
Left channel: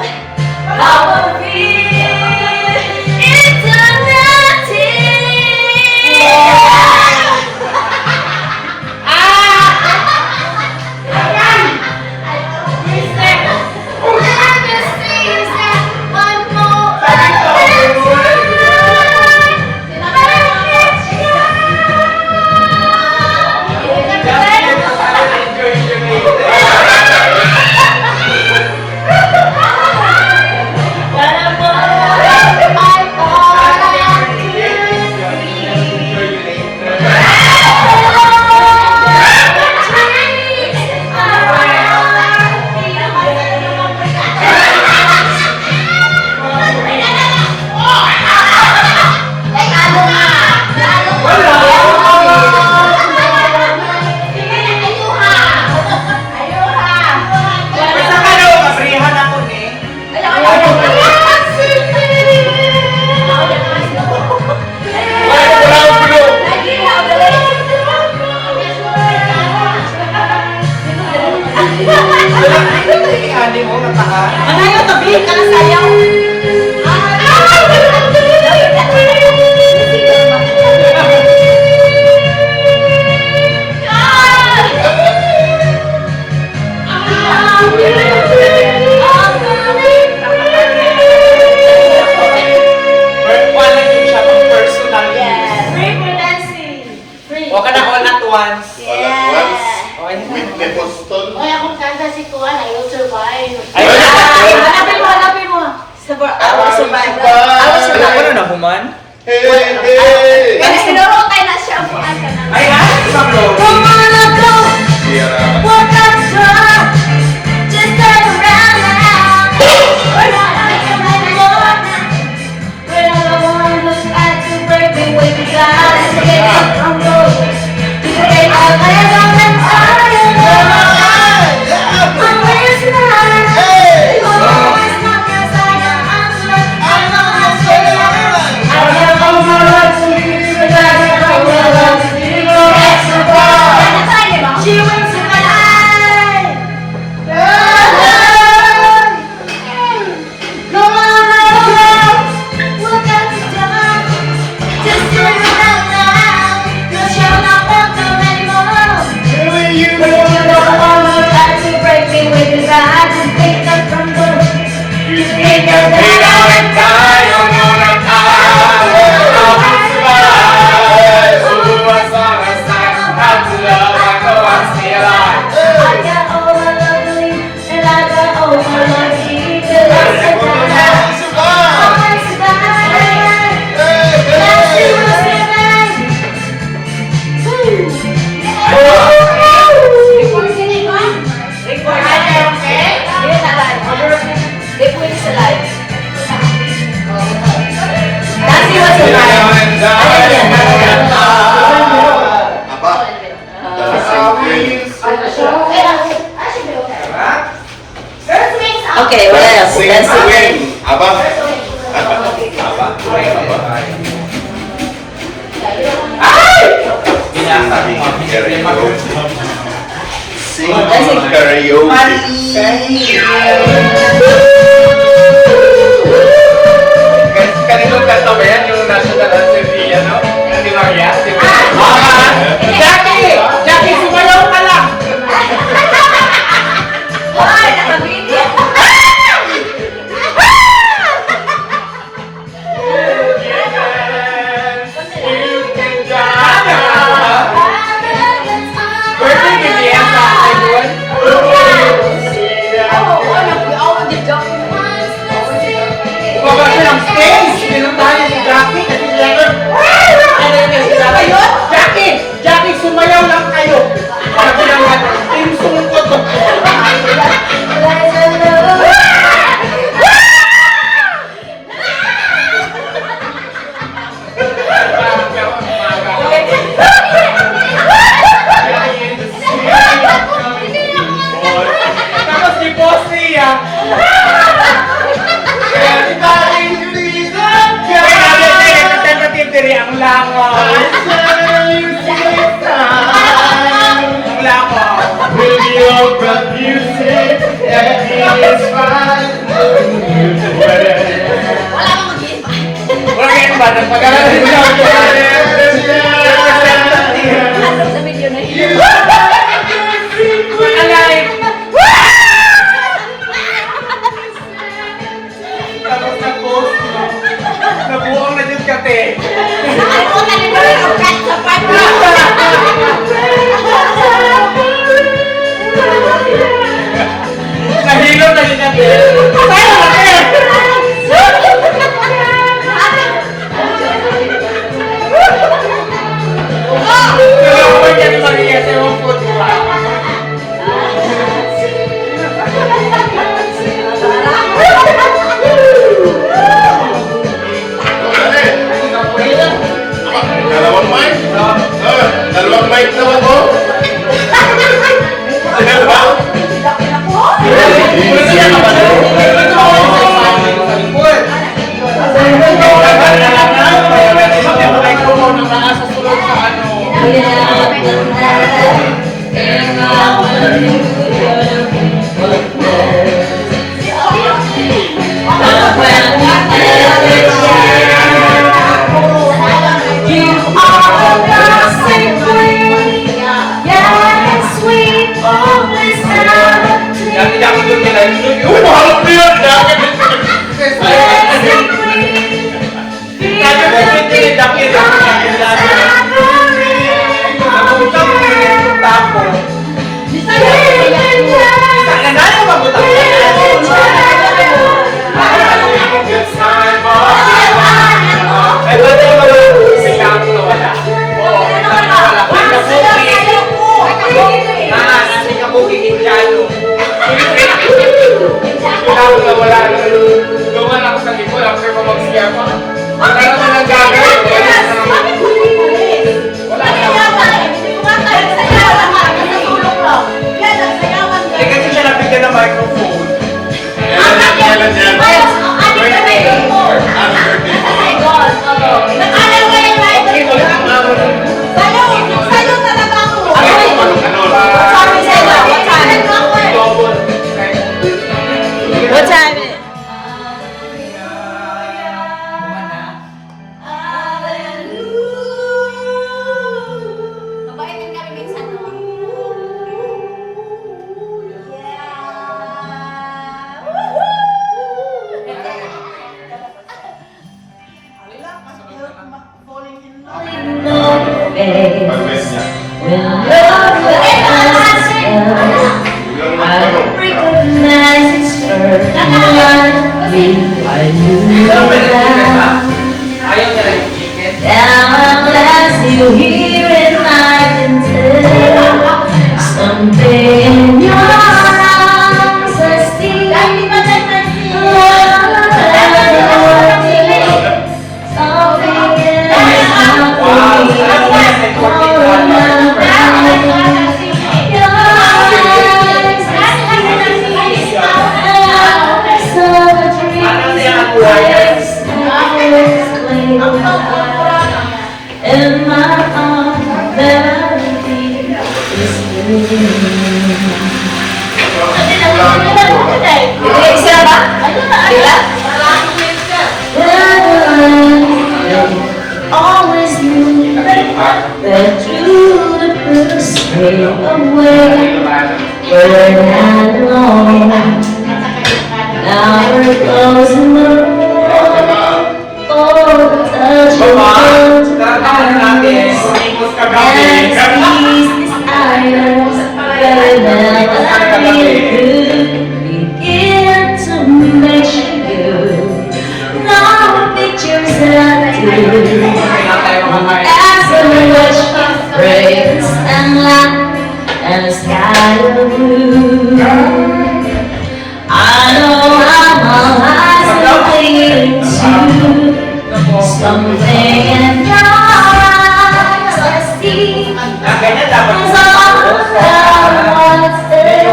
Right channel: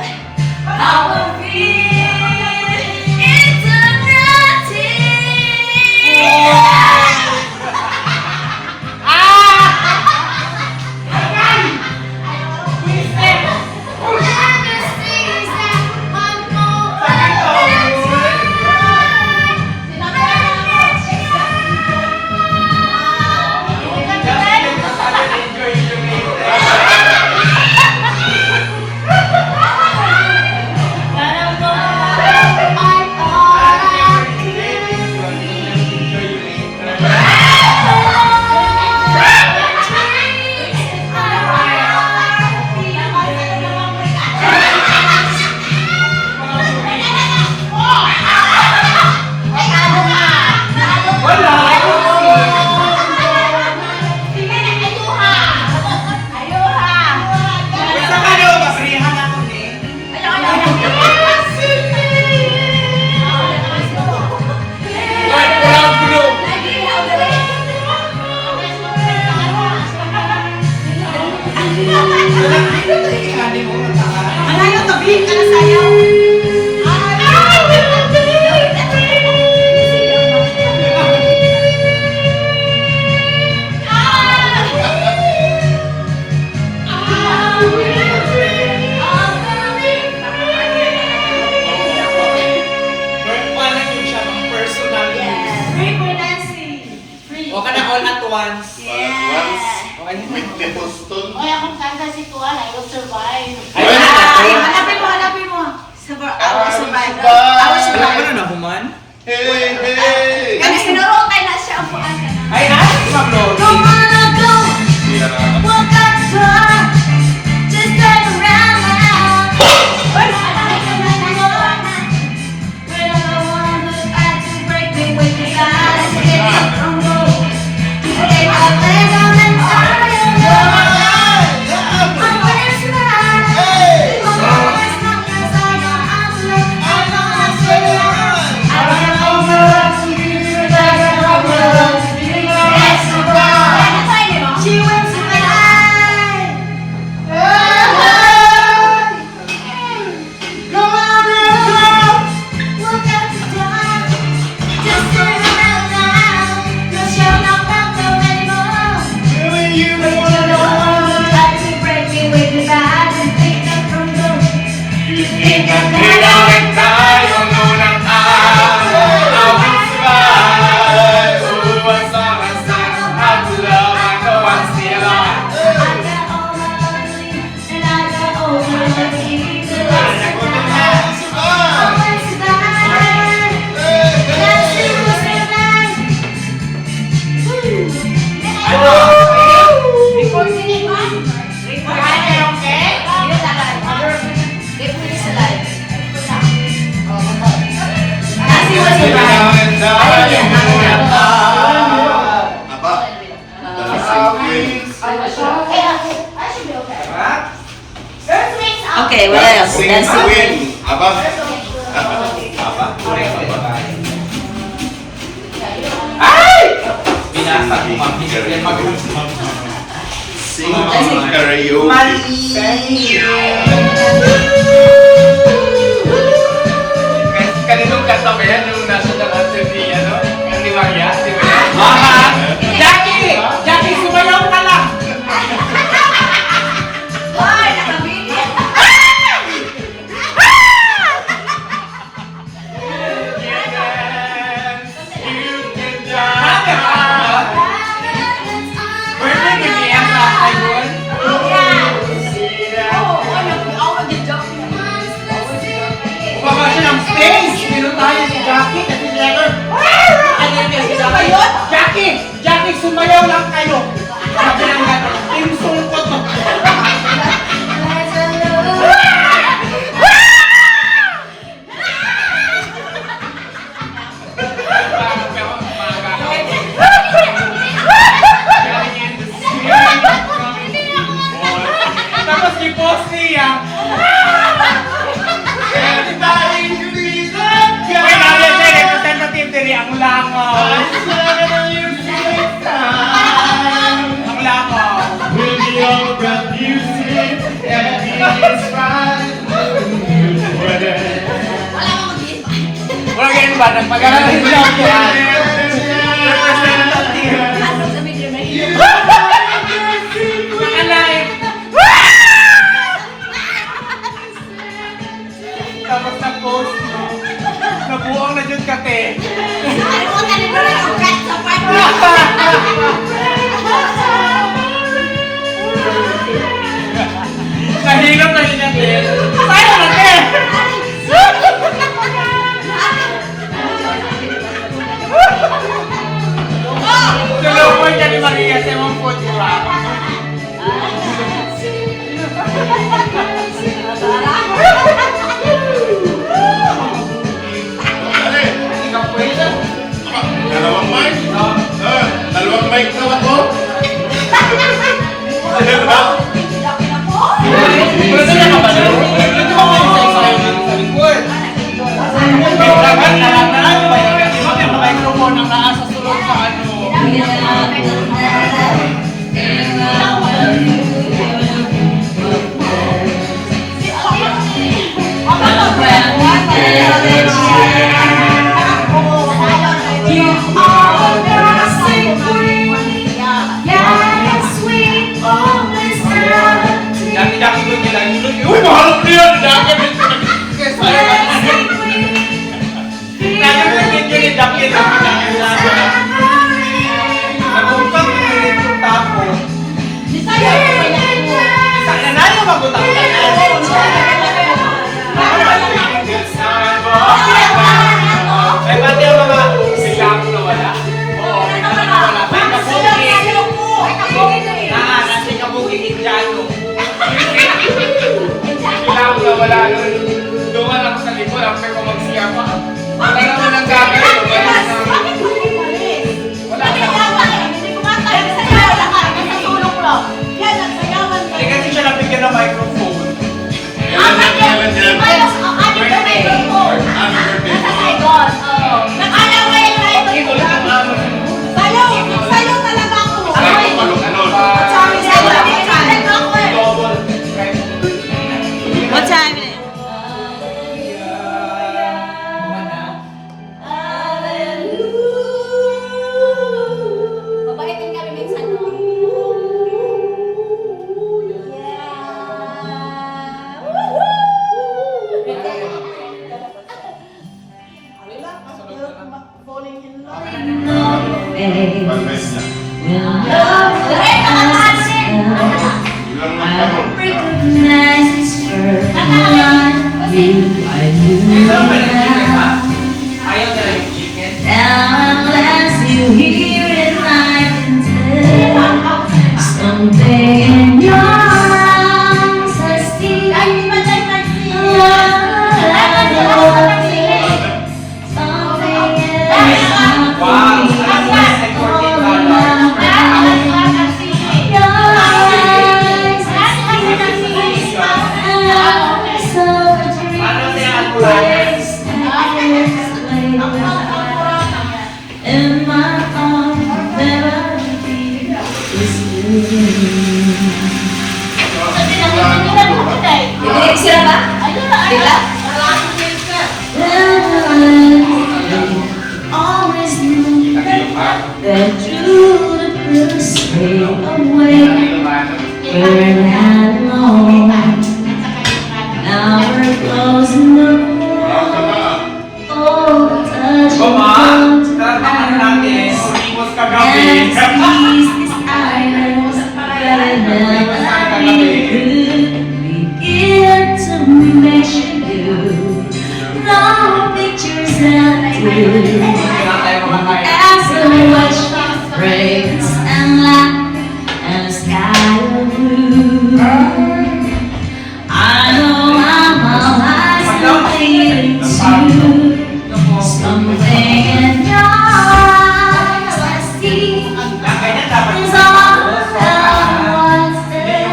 Manayo tabi ka na sayang. O ka na all at once. With Boston. Oy, akong kanta si Kuan, I will survive. Hanapin mo. I will survive. Wala ko na nahuman. Hey, hey. Kasi sinurotay na siya. Ay ha? Isang load. Come on, go! Yeah. Walk up front, just turn around now. We're not anymore. We're not the one who's back to break me with the eyes. Get up from the to break our legs on them fire. I'm with you now. Hey. Oh, it's not your side, I'm left. I know I said it. I have all my life to be the guy that I will love. You know that's the bar. Okay, what else? Sing Let's see. Queen. Aba. Aba. Sing karaoke. Kanilong kanta ba yan? Yung national anthem ni, ano? Ni Maria? Di ba? Jackie! Jackie, sumayaw ka lang! Hoy, nakabili! Birthday ni Bianca, Idol. Bumaba siya ng stage! Pinuntahan niya si Jackie kasi Leonard. Ano yung kasi Jackie! Jackie, sumayaw lang kayo! Sabi lang natin, team sungkot to. Tapos si Boss niya. Representative diri ang langaw. Ang langaw. With your breath you say everything is fine. Wala akong mag-invite. Wala ganyan ba? Nagpag-aral din siya. Ano sa video na yun? Pag-alive. Tapos nag-post mo. Nabuang na dyan kate. Ako talaga rin ang cut sa party. Nahilom na dyan kate. Tayo na kate! Tulong mo dyan yung magiging mong food ba? Dalawang mic? Dalawang mic daw ako? Dalawa? Uy, mahal ko yun! Wala na. Doon ako sa libol, after mo magsiya ko. Wala naman ang gagawin. Wala naman. Hindi kasi siya nabigyan ng microphone. Kailan yan? What time is it? Mabait din kami minsan, no? Pag-miss niya. When love was I don't recognize its first one. I knew that. Ayaw na lang ikin. Now at last you hear it, I can tell. Something in your arms has still something Ito isa ba? Sila? Always knew that true would stay away. We're not alone. Now we're closing the door. Oh, touch Mama, the tatahan natin. Imos kagabi. Begin to mention you. No pictures that do. As I watch the fragrance and light and the sky of blue. I know I'm all eyes are leading to something in your eyes I see. Ganyan dapat. Is all that I want to say.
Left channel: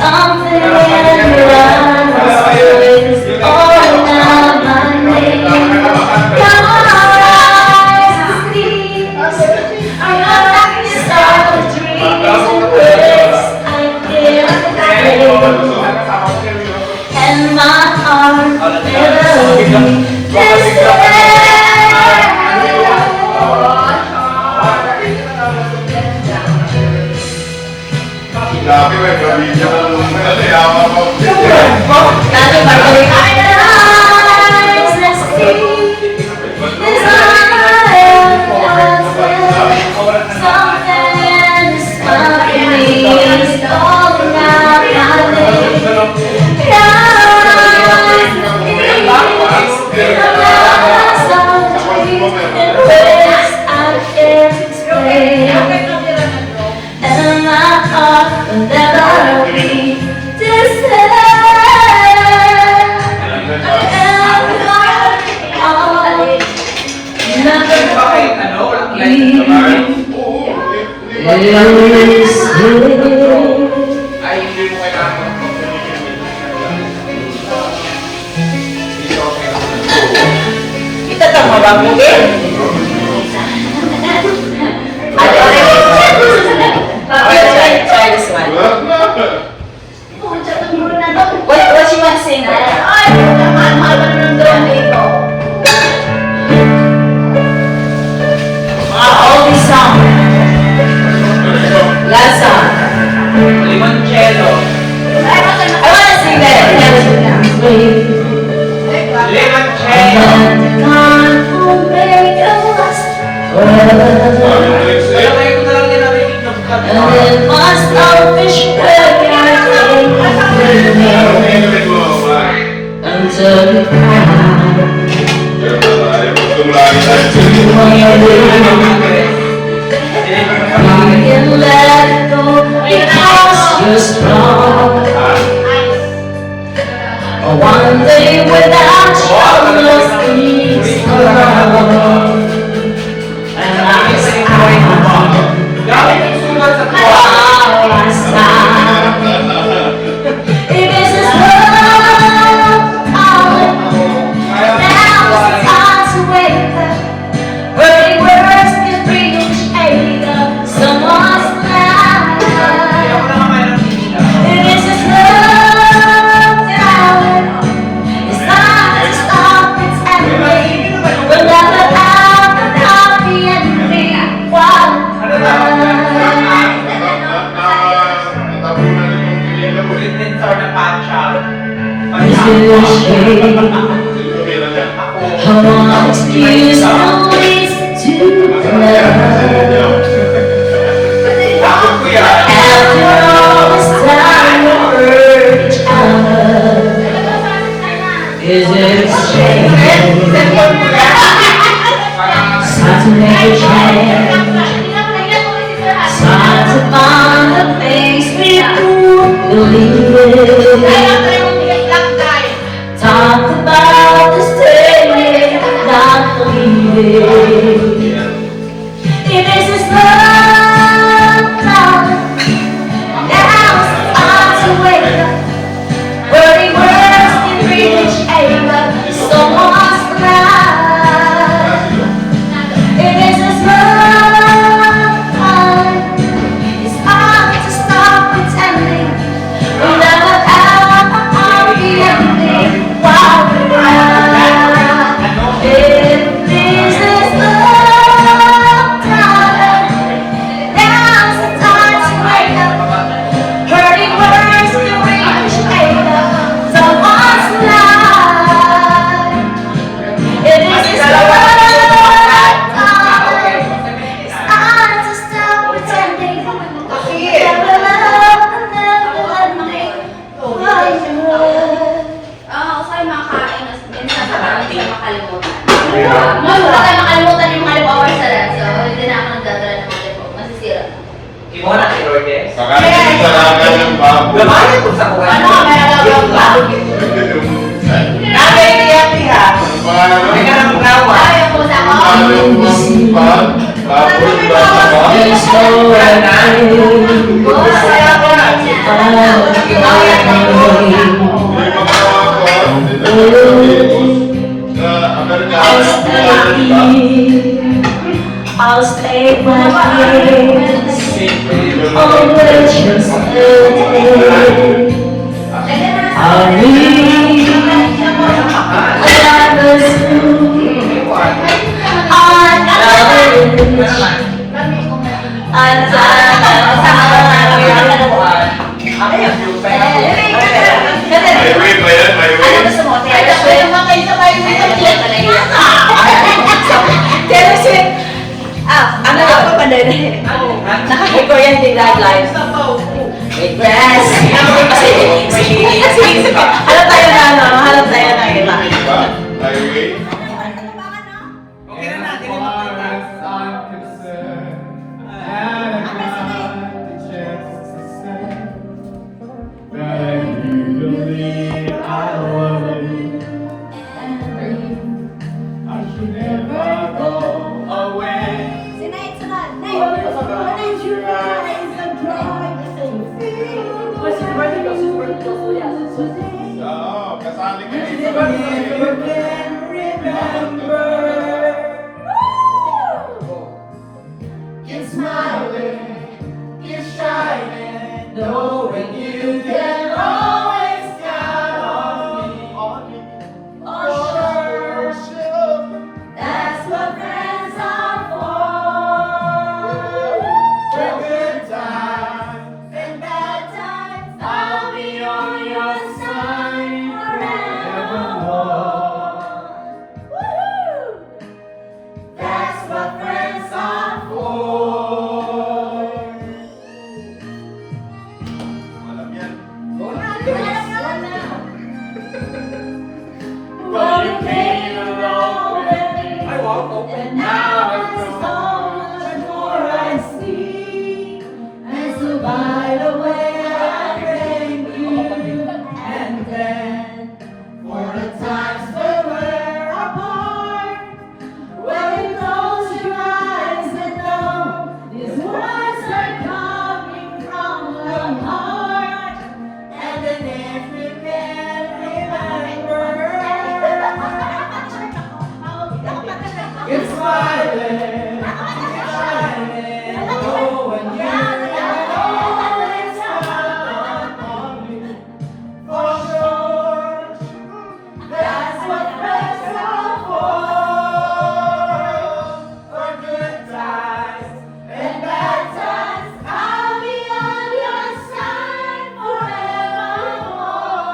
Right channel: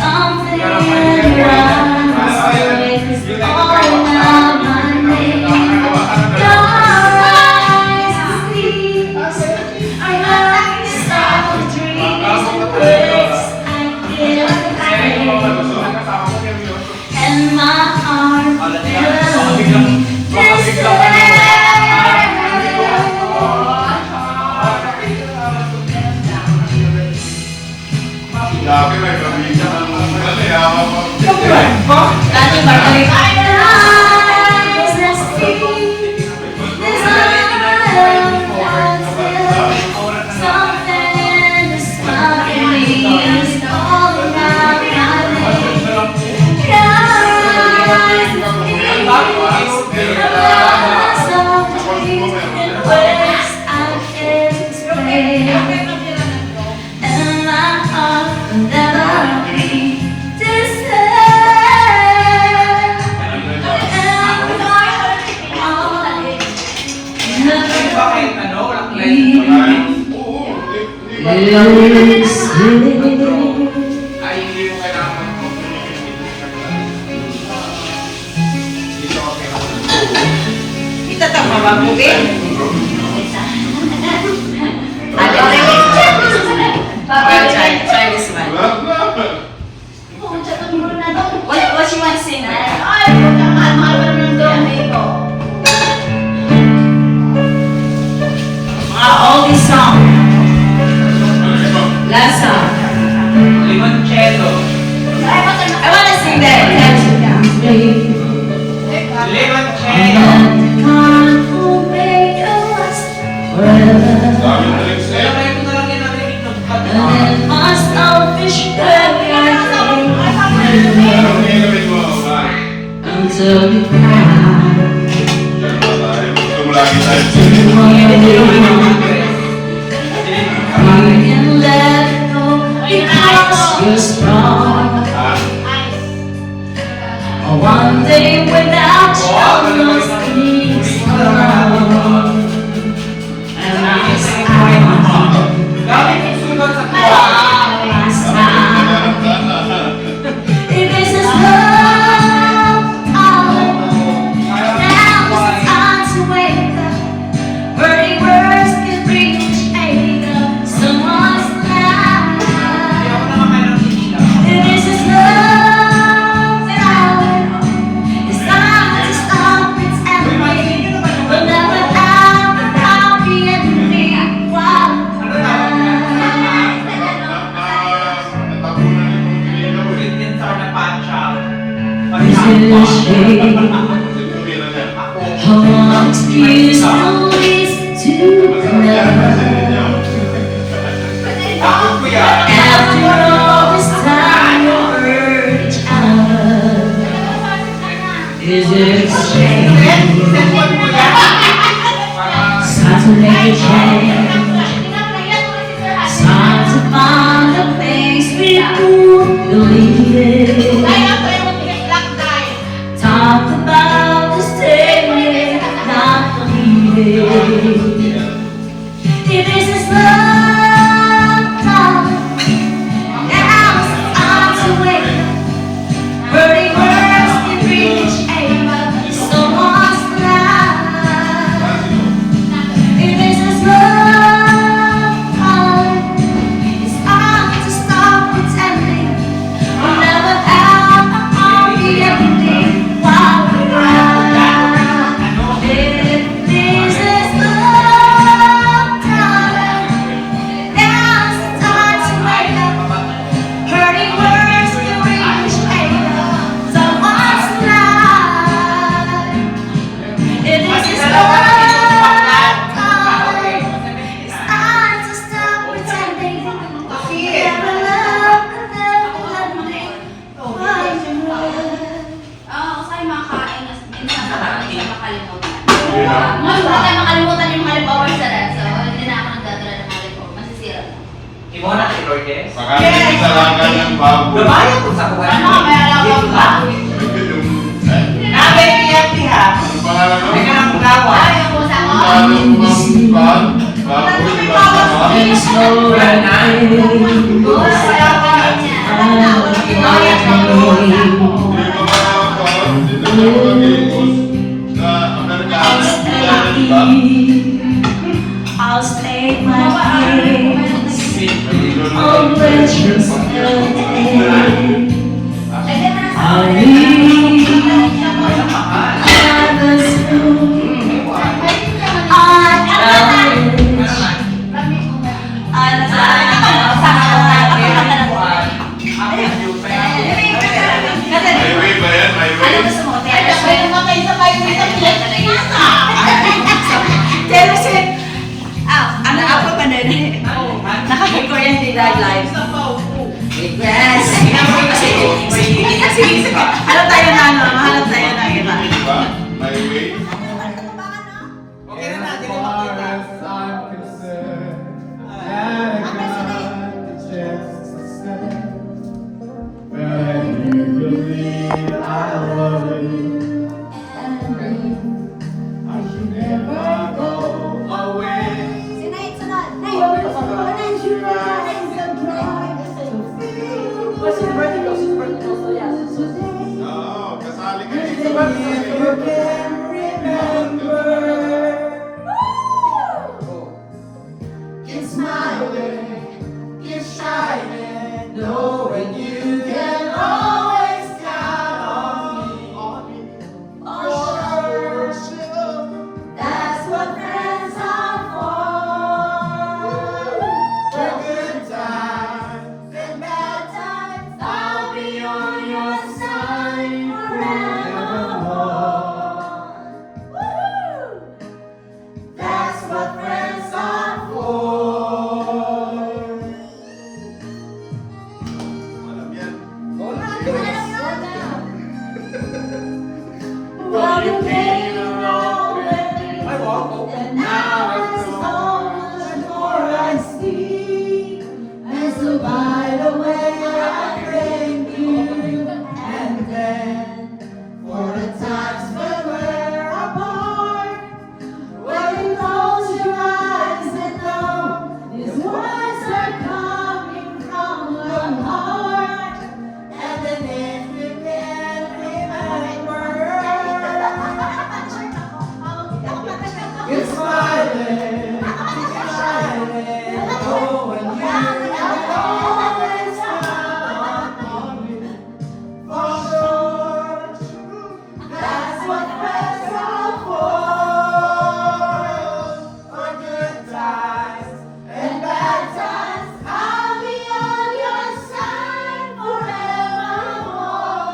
Something in your eyes is calling out my name. Your eyes are deep. Your eyes are the dreams and words I can't say. And my heart melody is there. Grabe, may gawin na ng yaman mo. Dati ba ito yung eyes I see is I am something in the sky is calling out my name. Your eyes are deep, your eyes are the dreams and words I can't explain. And my heart will never be distant. Bakit ano? Walang line. Ay, hindi mo kailangan. Itatama ba mo, Ben? Try this one. What you want to sing? Oldie song. Last song. Limoncello. I want to sing that. Limoncello. God will make us Wala kayo ko na lang din namin inyong and then my selfish way until you cry. You can let go because you're strong. One day without your love is gone. And I'm Gamit yung sulat sa kuha. while I sigh. If it's just love, now it's time to wake up. Hurting words can bring shade up someone's life. If it's just love, it's time to stop pretending. We'll never have a happy ending. Why? Ulitin sa na pancha. Is it a shame? I want to use always to love. Takot ko yan. After all this time we hurt each other, is it a shame? It's time to make a change. It's time to find the things we believe in. Talk about the staying, not believing. If this is love, now it's time to wake up. Hurting words can reach over someone's life. If this is love, it's time Pagkain talaga ng baboy. Gamanin ko sa kuwan. Ano, may alagang ba? Kami iyapi ha. Ang pangalan mo? May karang gawa. Ay, ang pusa ko. Halong bang baboy ba ba? It's so right. Kaya ko na. I'll stay my place. Always just I need another school. Highway ba yan? Highway? Ano ako pa din? Nakaka-Korean din live. Yes! Sige. Halap tayo na ano? Halap tayo na kita. Highway? Okay na natin yung makita. Oo, kasali ka dito. That's what friends are for. For good times and bad times, I'll be on your side forevermore. Woo-hoo! That's what friends are for. Alam yan. Well, you came along with me, and now it's so much more I see. And so by the way, I thank you. And then, for the times when we're apart, when you close your eyes and know these words are coming from the heart. And then if you can't remember, it's smiling, oh, and you can always count on me. For sure, that's what friends are for good times and bad times, I'll be on your side forevermore.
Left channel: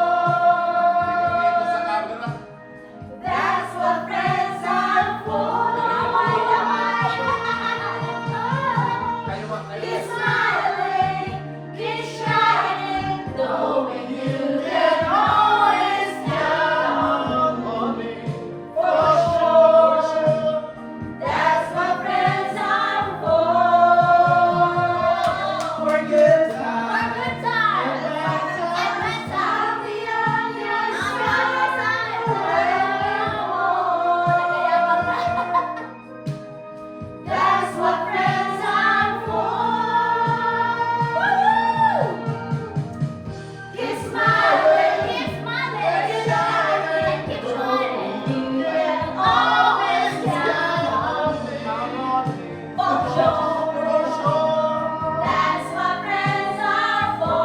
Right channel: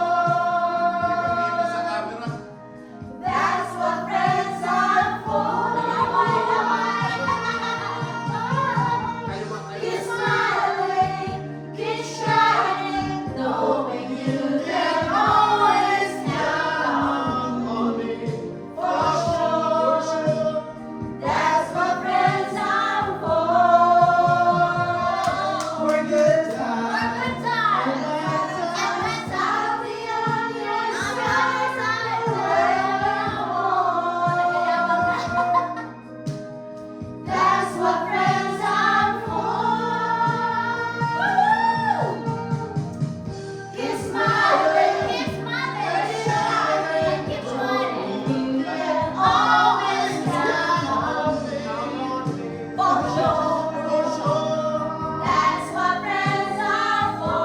That's what friends are for. Keep smiling, keep shining, knowing you can always count on me. For sure, that's what friends are for. For good times. For good times. And bad times. I'll be on your side forevermore. That's what friends are for. Woo-hoo! Keep smiling, keep shining, keep shining. You can always count on me. For sure, that's what friends are for.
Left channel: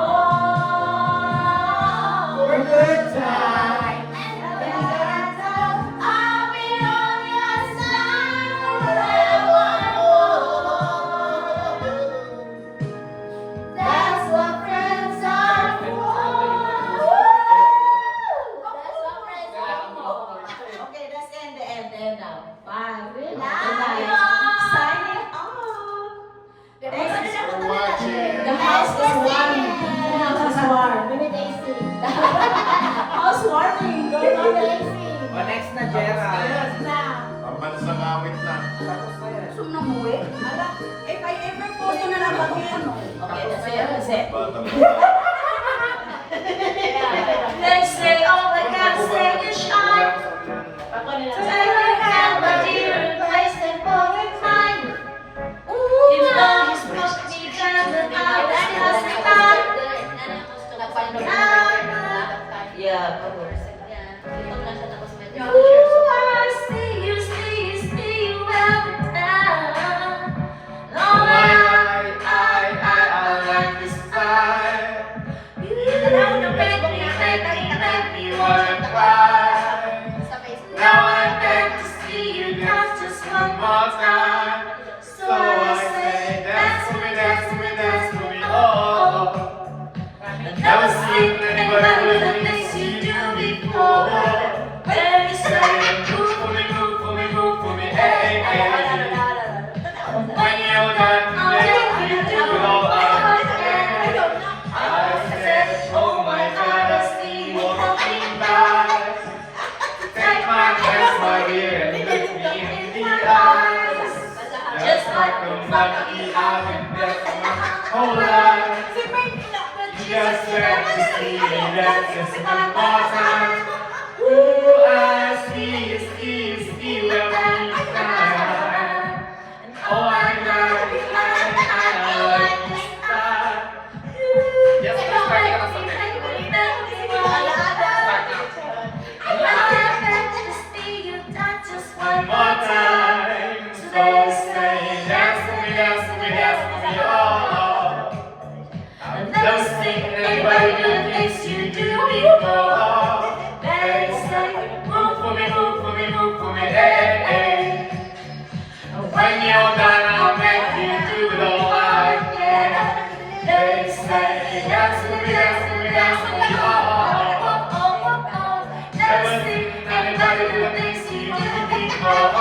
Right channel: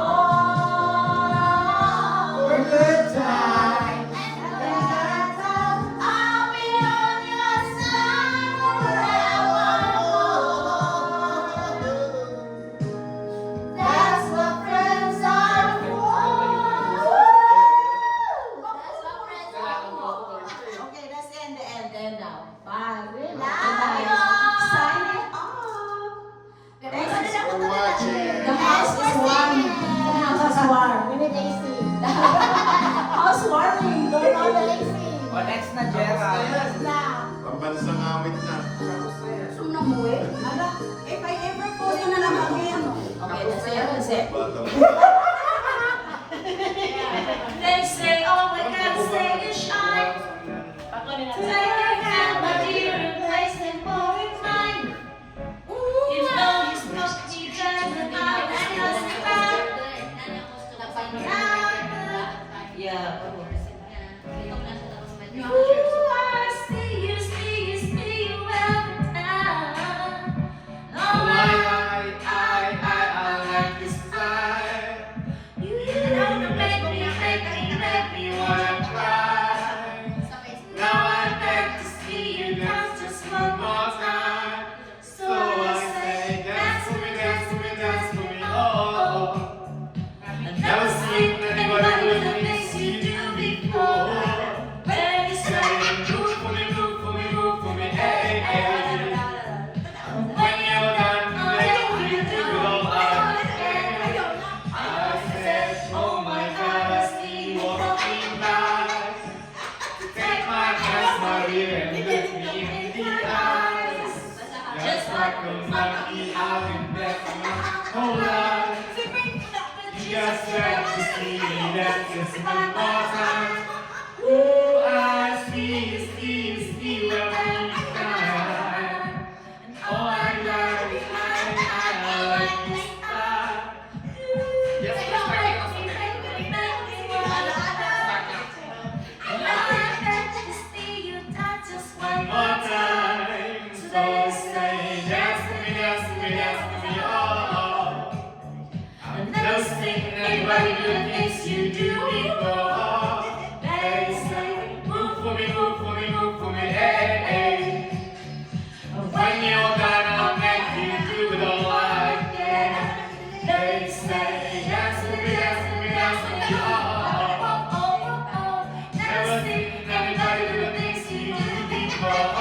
For good times and bad times, I'll be on your side forevermore. That's what friends are for. That's what friends are for. Okay, let's end the end now. Bye. Love you all. Signing off. Thanks for watching. The house is warm. The house is warm. Let me taste it. House warming. Going on the AC. O next na, Jera. Pambansang awit na. Tapos na yan. Gusto mo na muwi? Ala, kayo April po. Gusto na Okay, that's it. Let's say all I gotta say is shine. Take your hand, my dear, and place them for your time. You know you spoke me down and I was justified. Yeah. Ooh, I see you well now. All I like is fire. You make me wanna cry. Now I beg to see you dance just one more time. So I say, dance with me, dance with me, dance with me, oh. I've never seen anybody do the things you do before. Baby, say, move for me, move for me, move for me, hey, hey. When you're done, then you do it all again. I said, oh my God, I see you coming back. Take my hands, my dear, and look me in the eyes. Just like a monkey, I've been there for my whole life. Just like to see me dance just one more time. Ooh, I see every time. And all I like is I like this time. Yes, let's try it out someday. One more time, so say dance with me, dance with me, dance with me, oh. I've never seen anybody do the things you do before. They say, move for me, move for me, move for me, hey, hey. And when you're done, I'll make you do it all again. They say, dance with me, dance with me, dance with me, oh. Never seen anybody do the things you do before.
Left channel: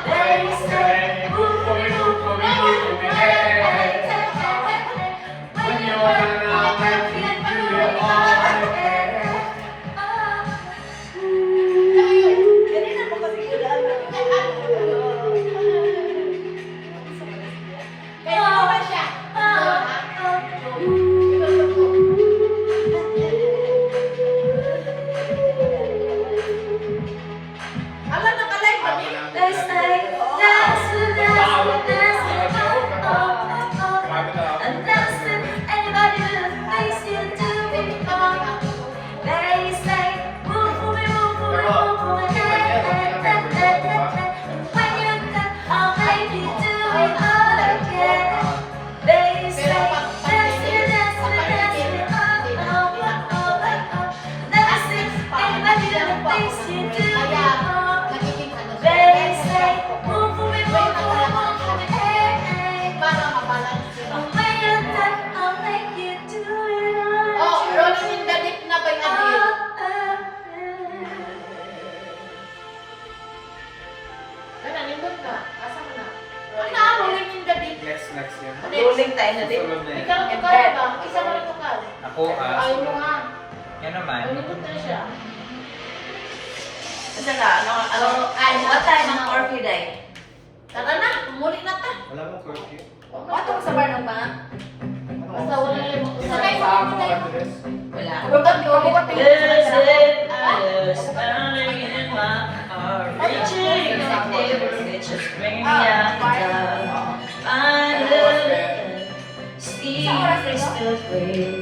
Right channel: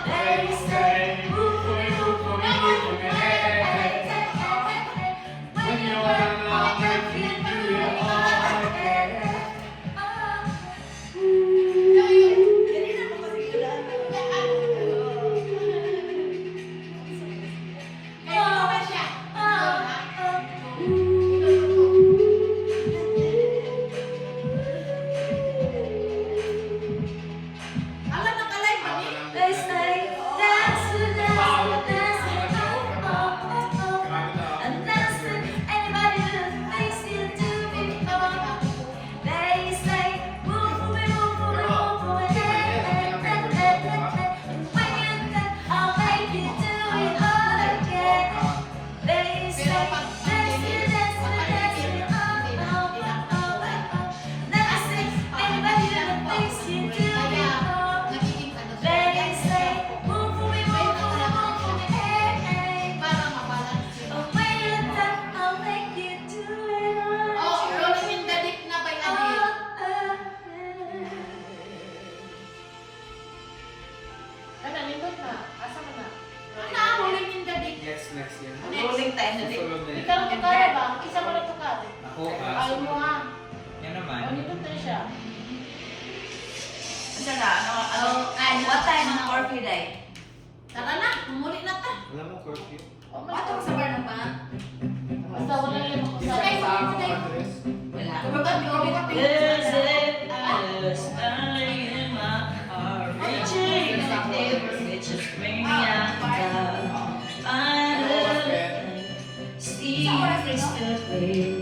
They say, move for me, move for me, move for me, hey, hey. When you're done, I'll make you do it all again. Let's say, dance with dance with dance with and dance with anybody do the things you do before. They say, move for me, move for me, move for me, hey, hey, hey, hey, hey. And when you're done, I'll make you do it all again. They say, dance with dance with dance with oh, oh, oh, oh, oh. Dance with anybody do the things you do before. They say, move for me, move for me, move for me, hey, hey. And when you're done, I'll make you do it all Oh, again. rolling in the deep na ba yung adil? Ano, nindot na. Asa ka na? Ano, rolling in the deep? Next yan. Rolling tayo na din. Susunod na yan. Ikaw ang tukar ba? Isa mo na tukar. Ako, Ayaw mo ha. yan naman. Oh, nindot na siya. Asa ka? What time ang curfew day? Tara na, pumuli na ta. Alam mo, curfew? Wato sa bar ng ba? Basta wala na yung Isa makusay. sa ako address. Wala. Kabugat ko, kabugat ko. Just early in my heart, reaching out there, it just bring me out down. I look and see crystal clear.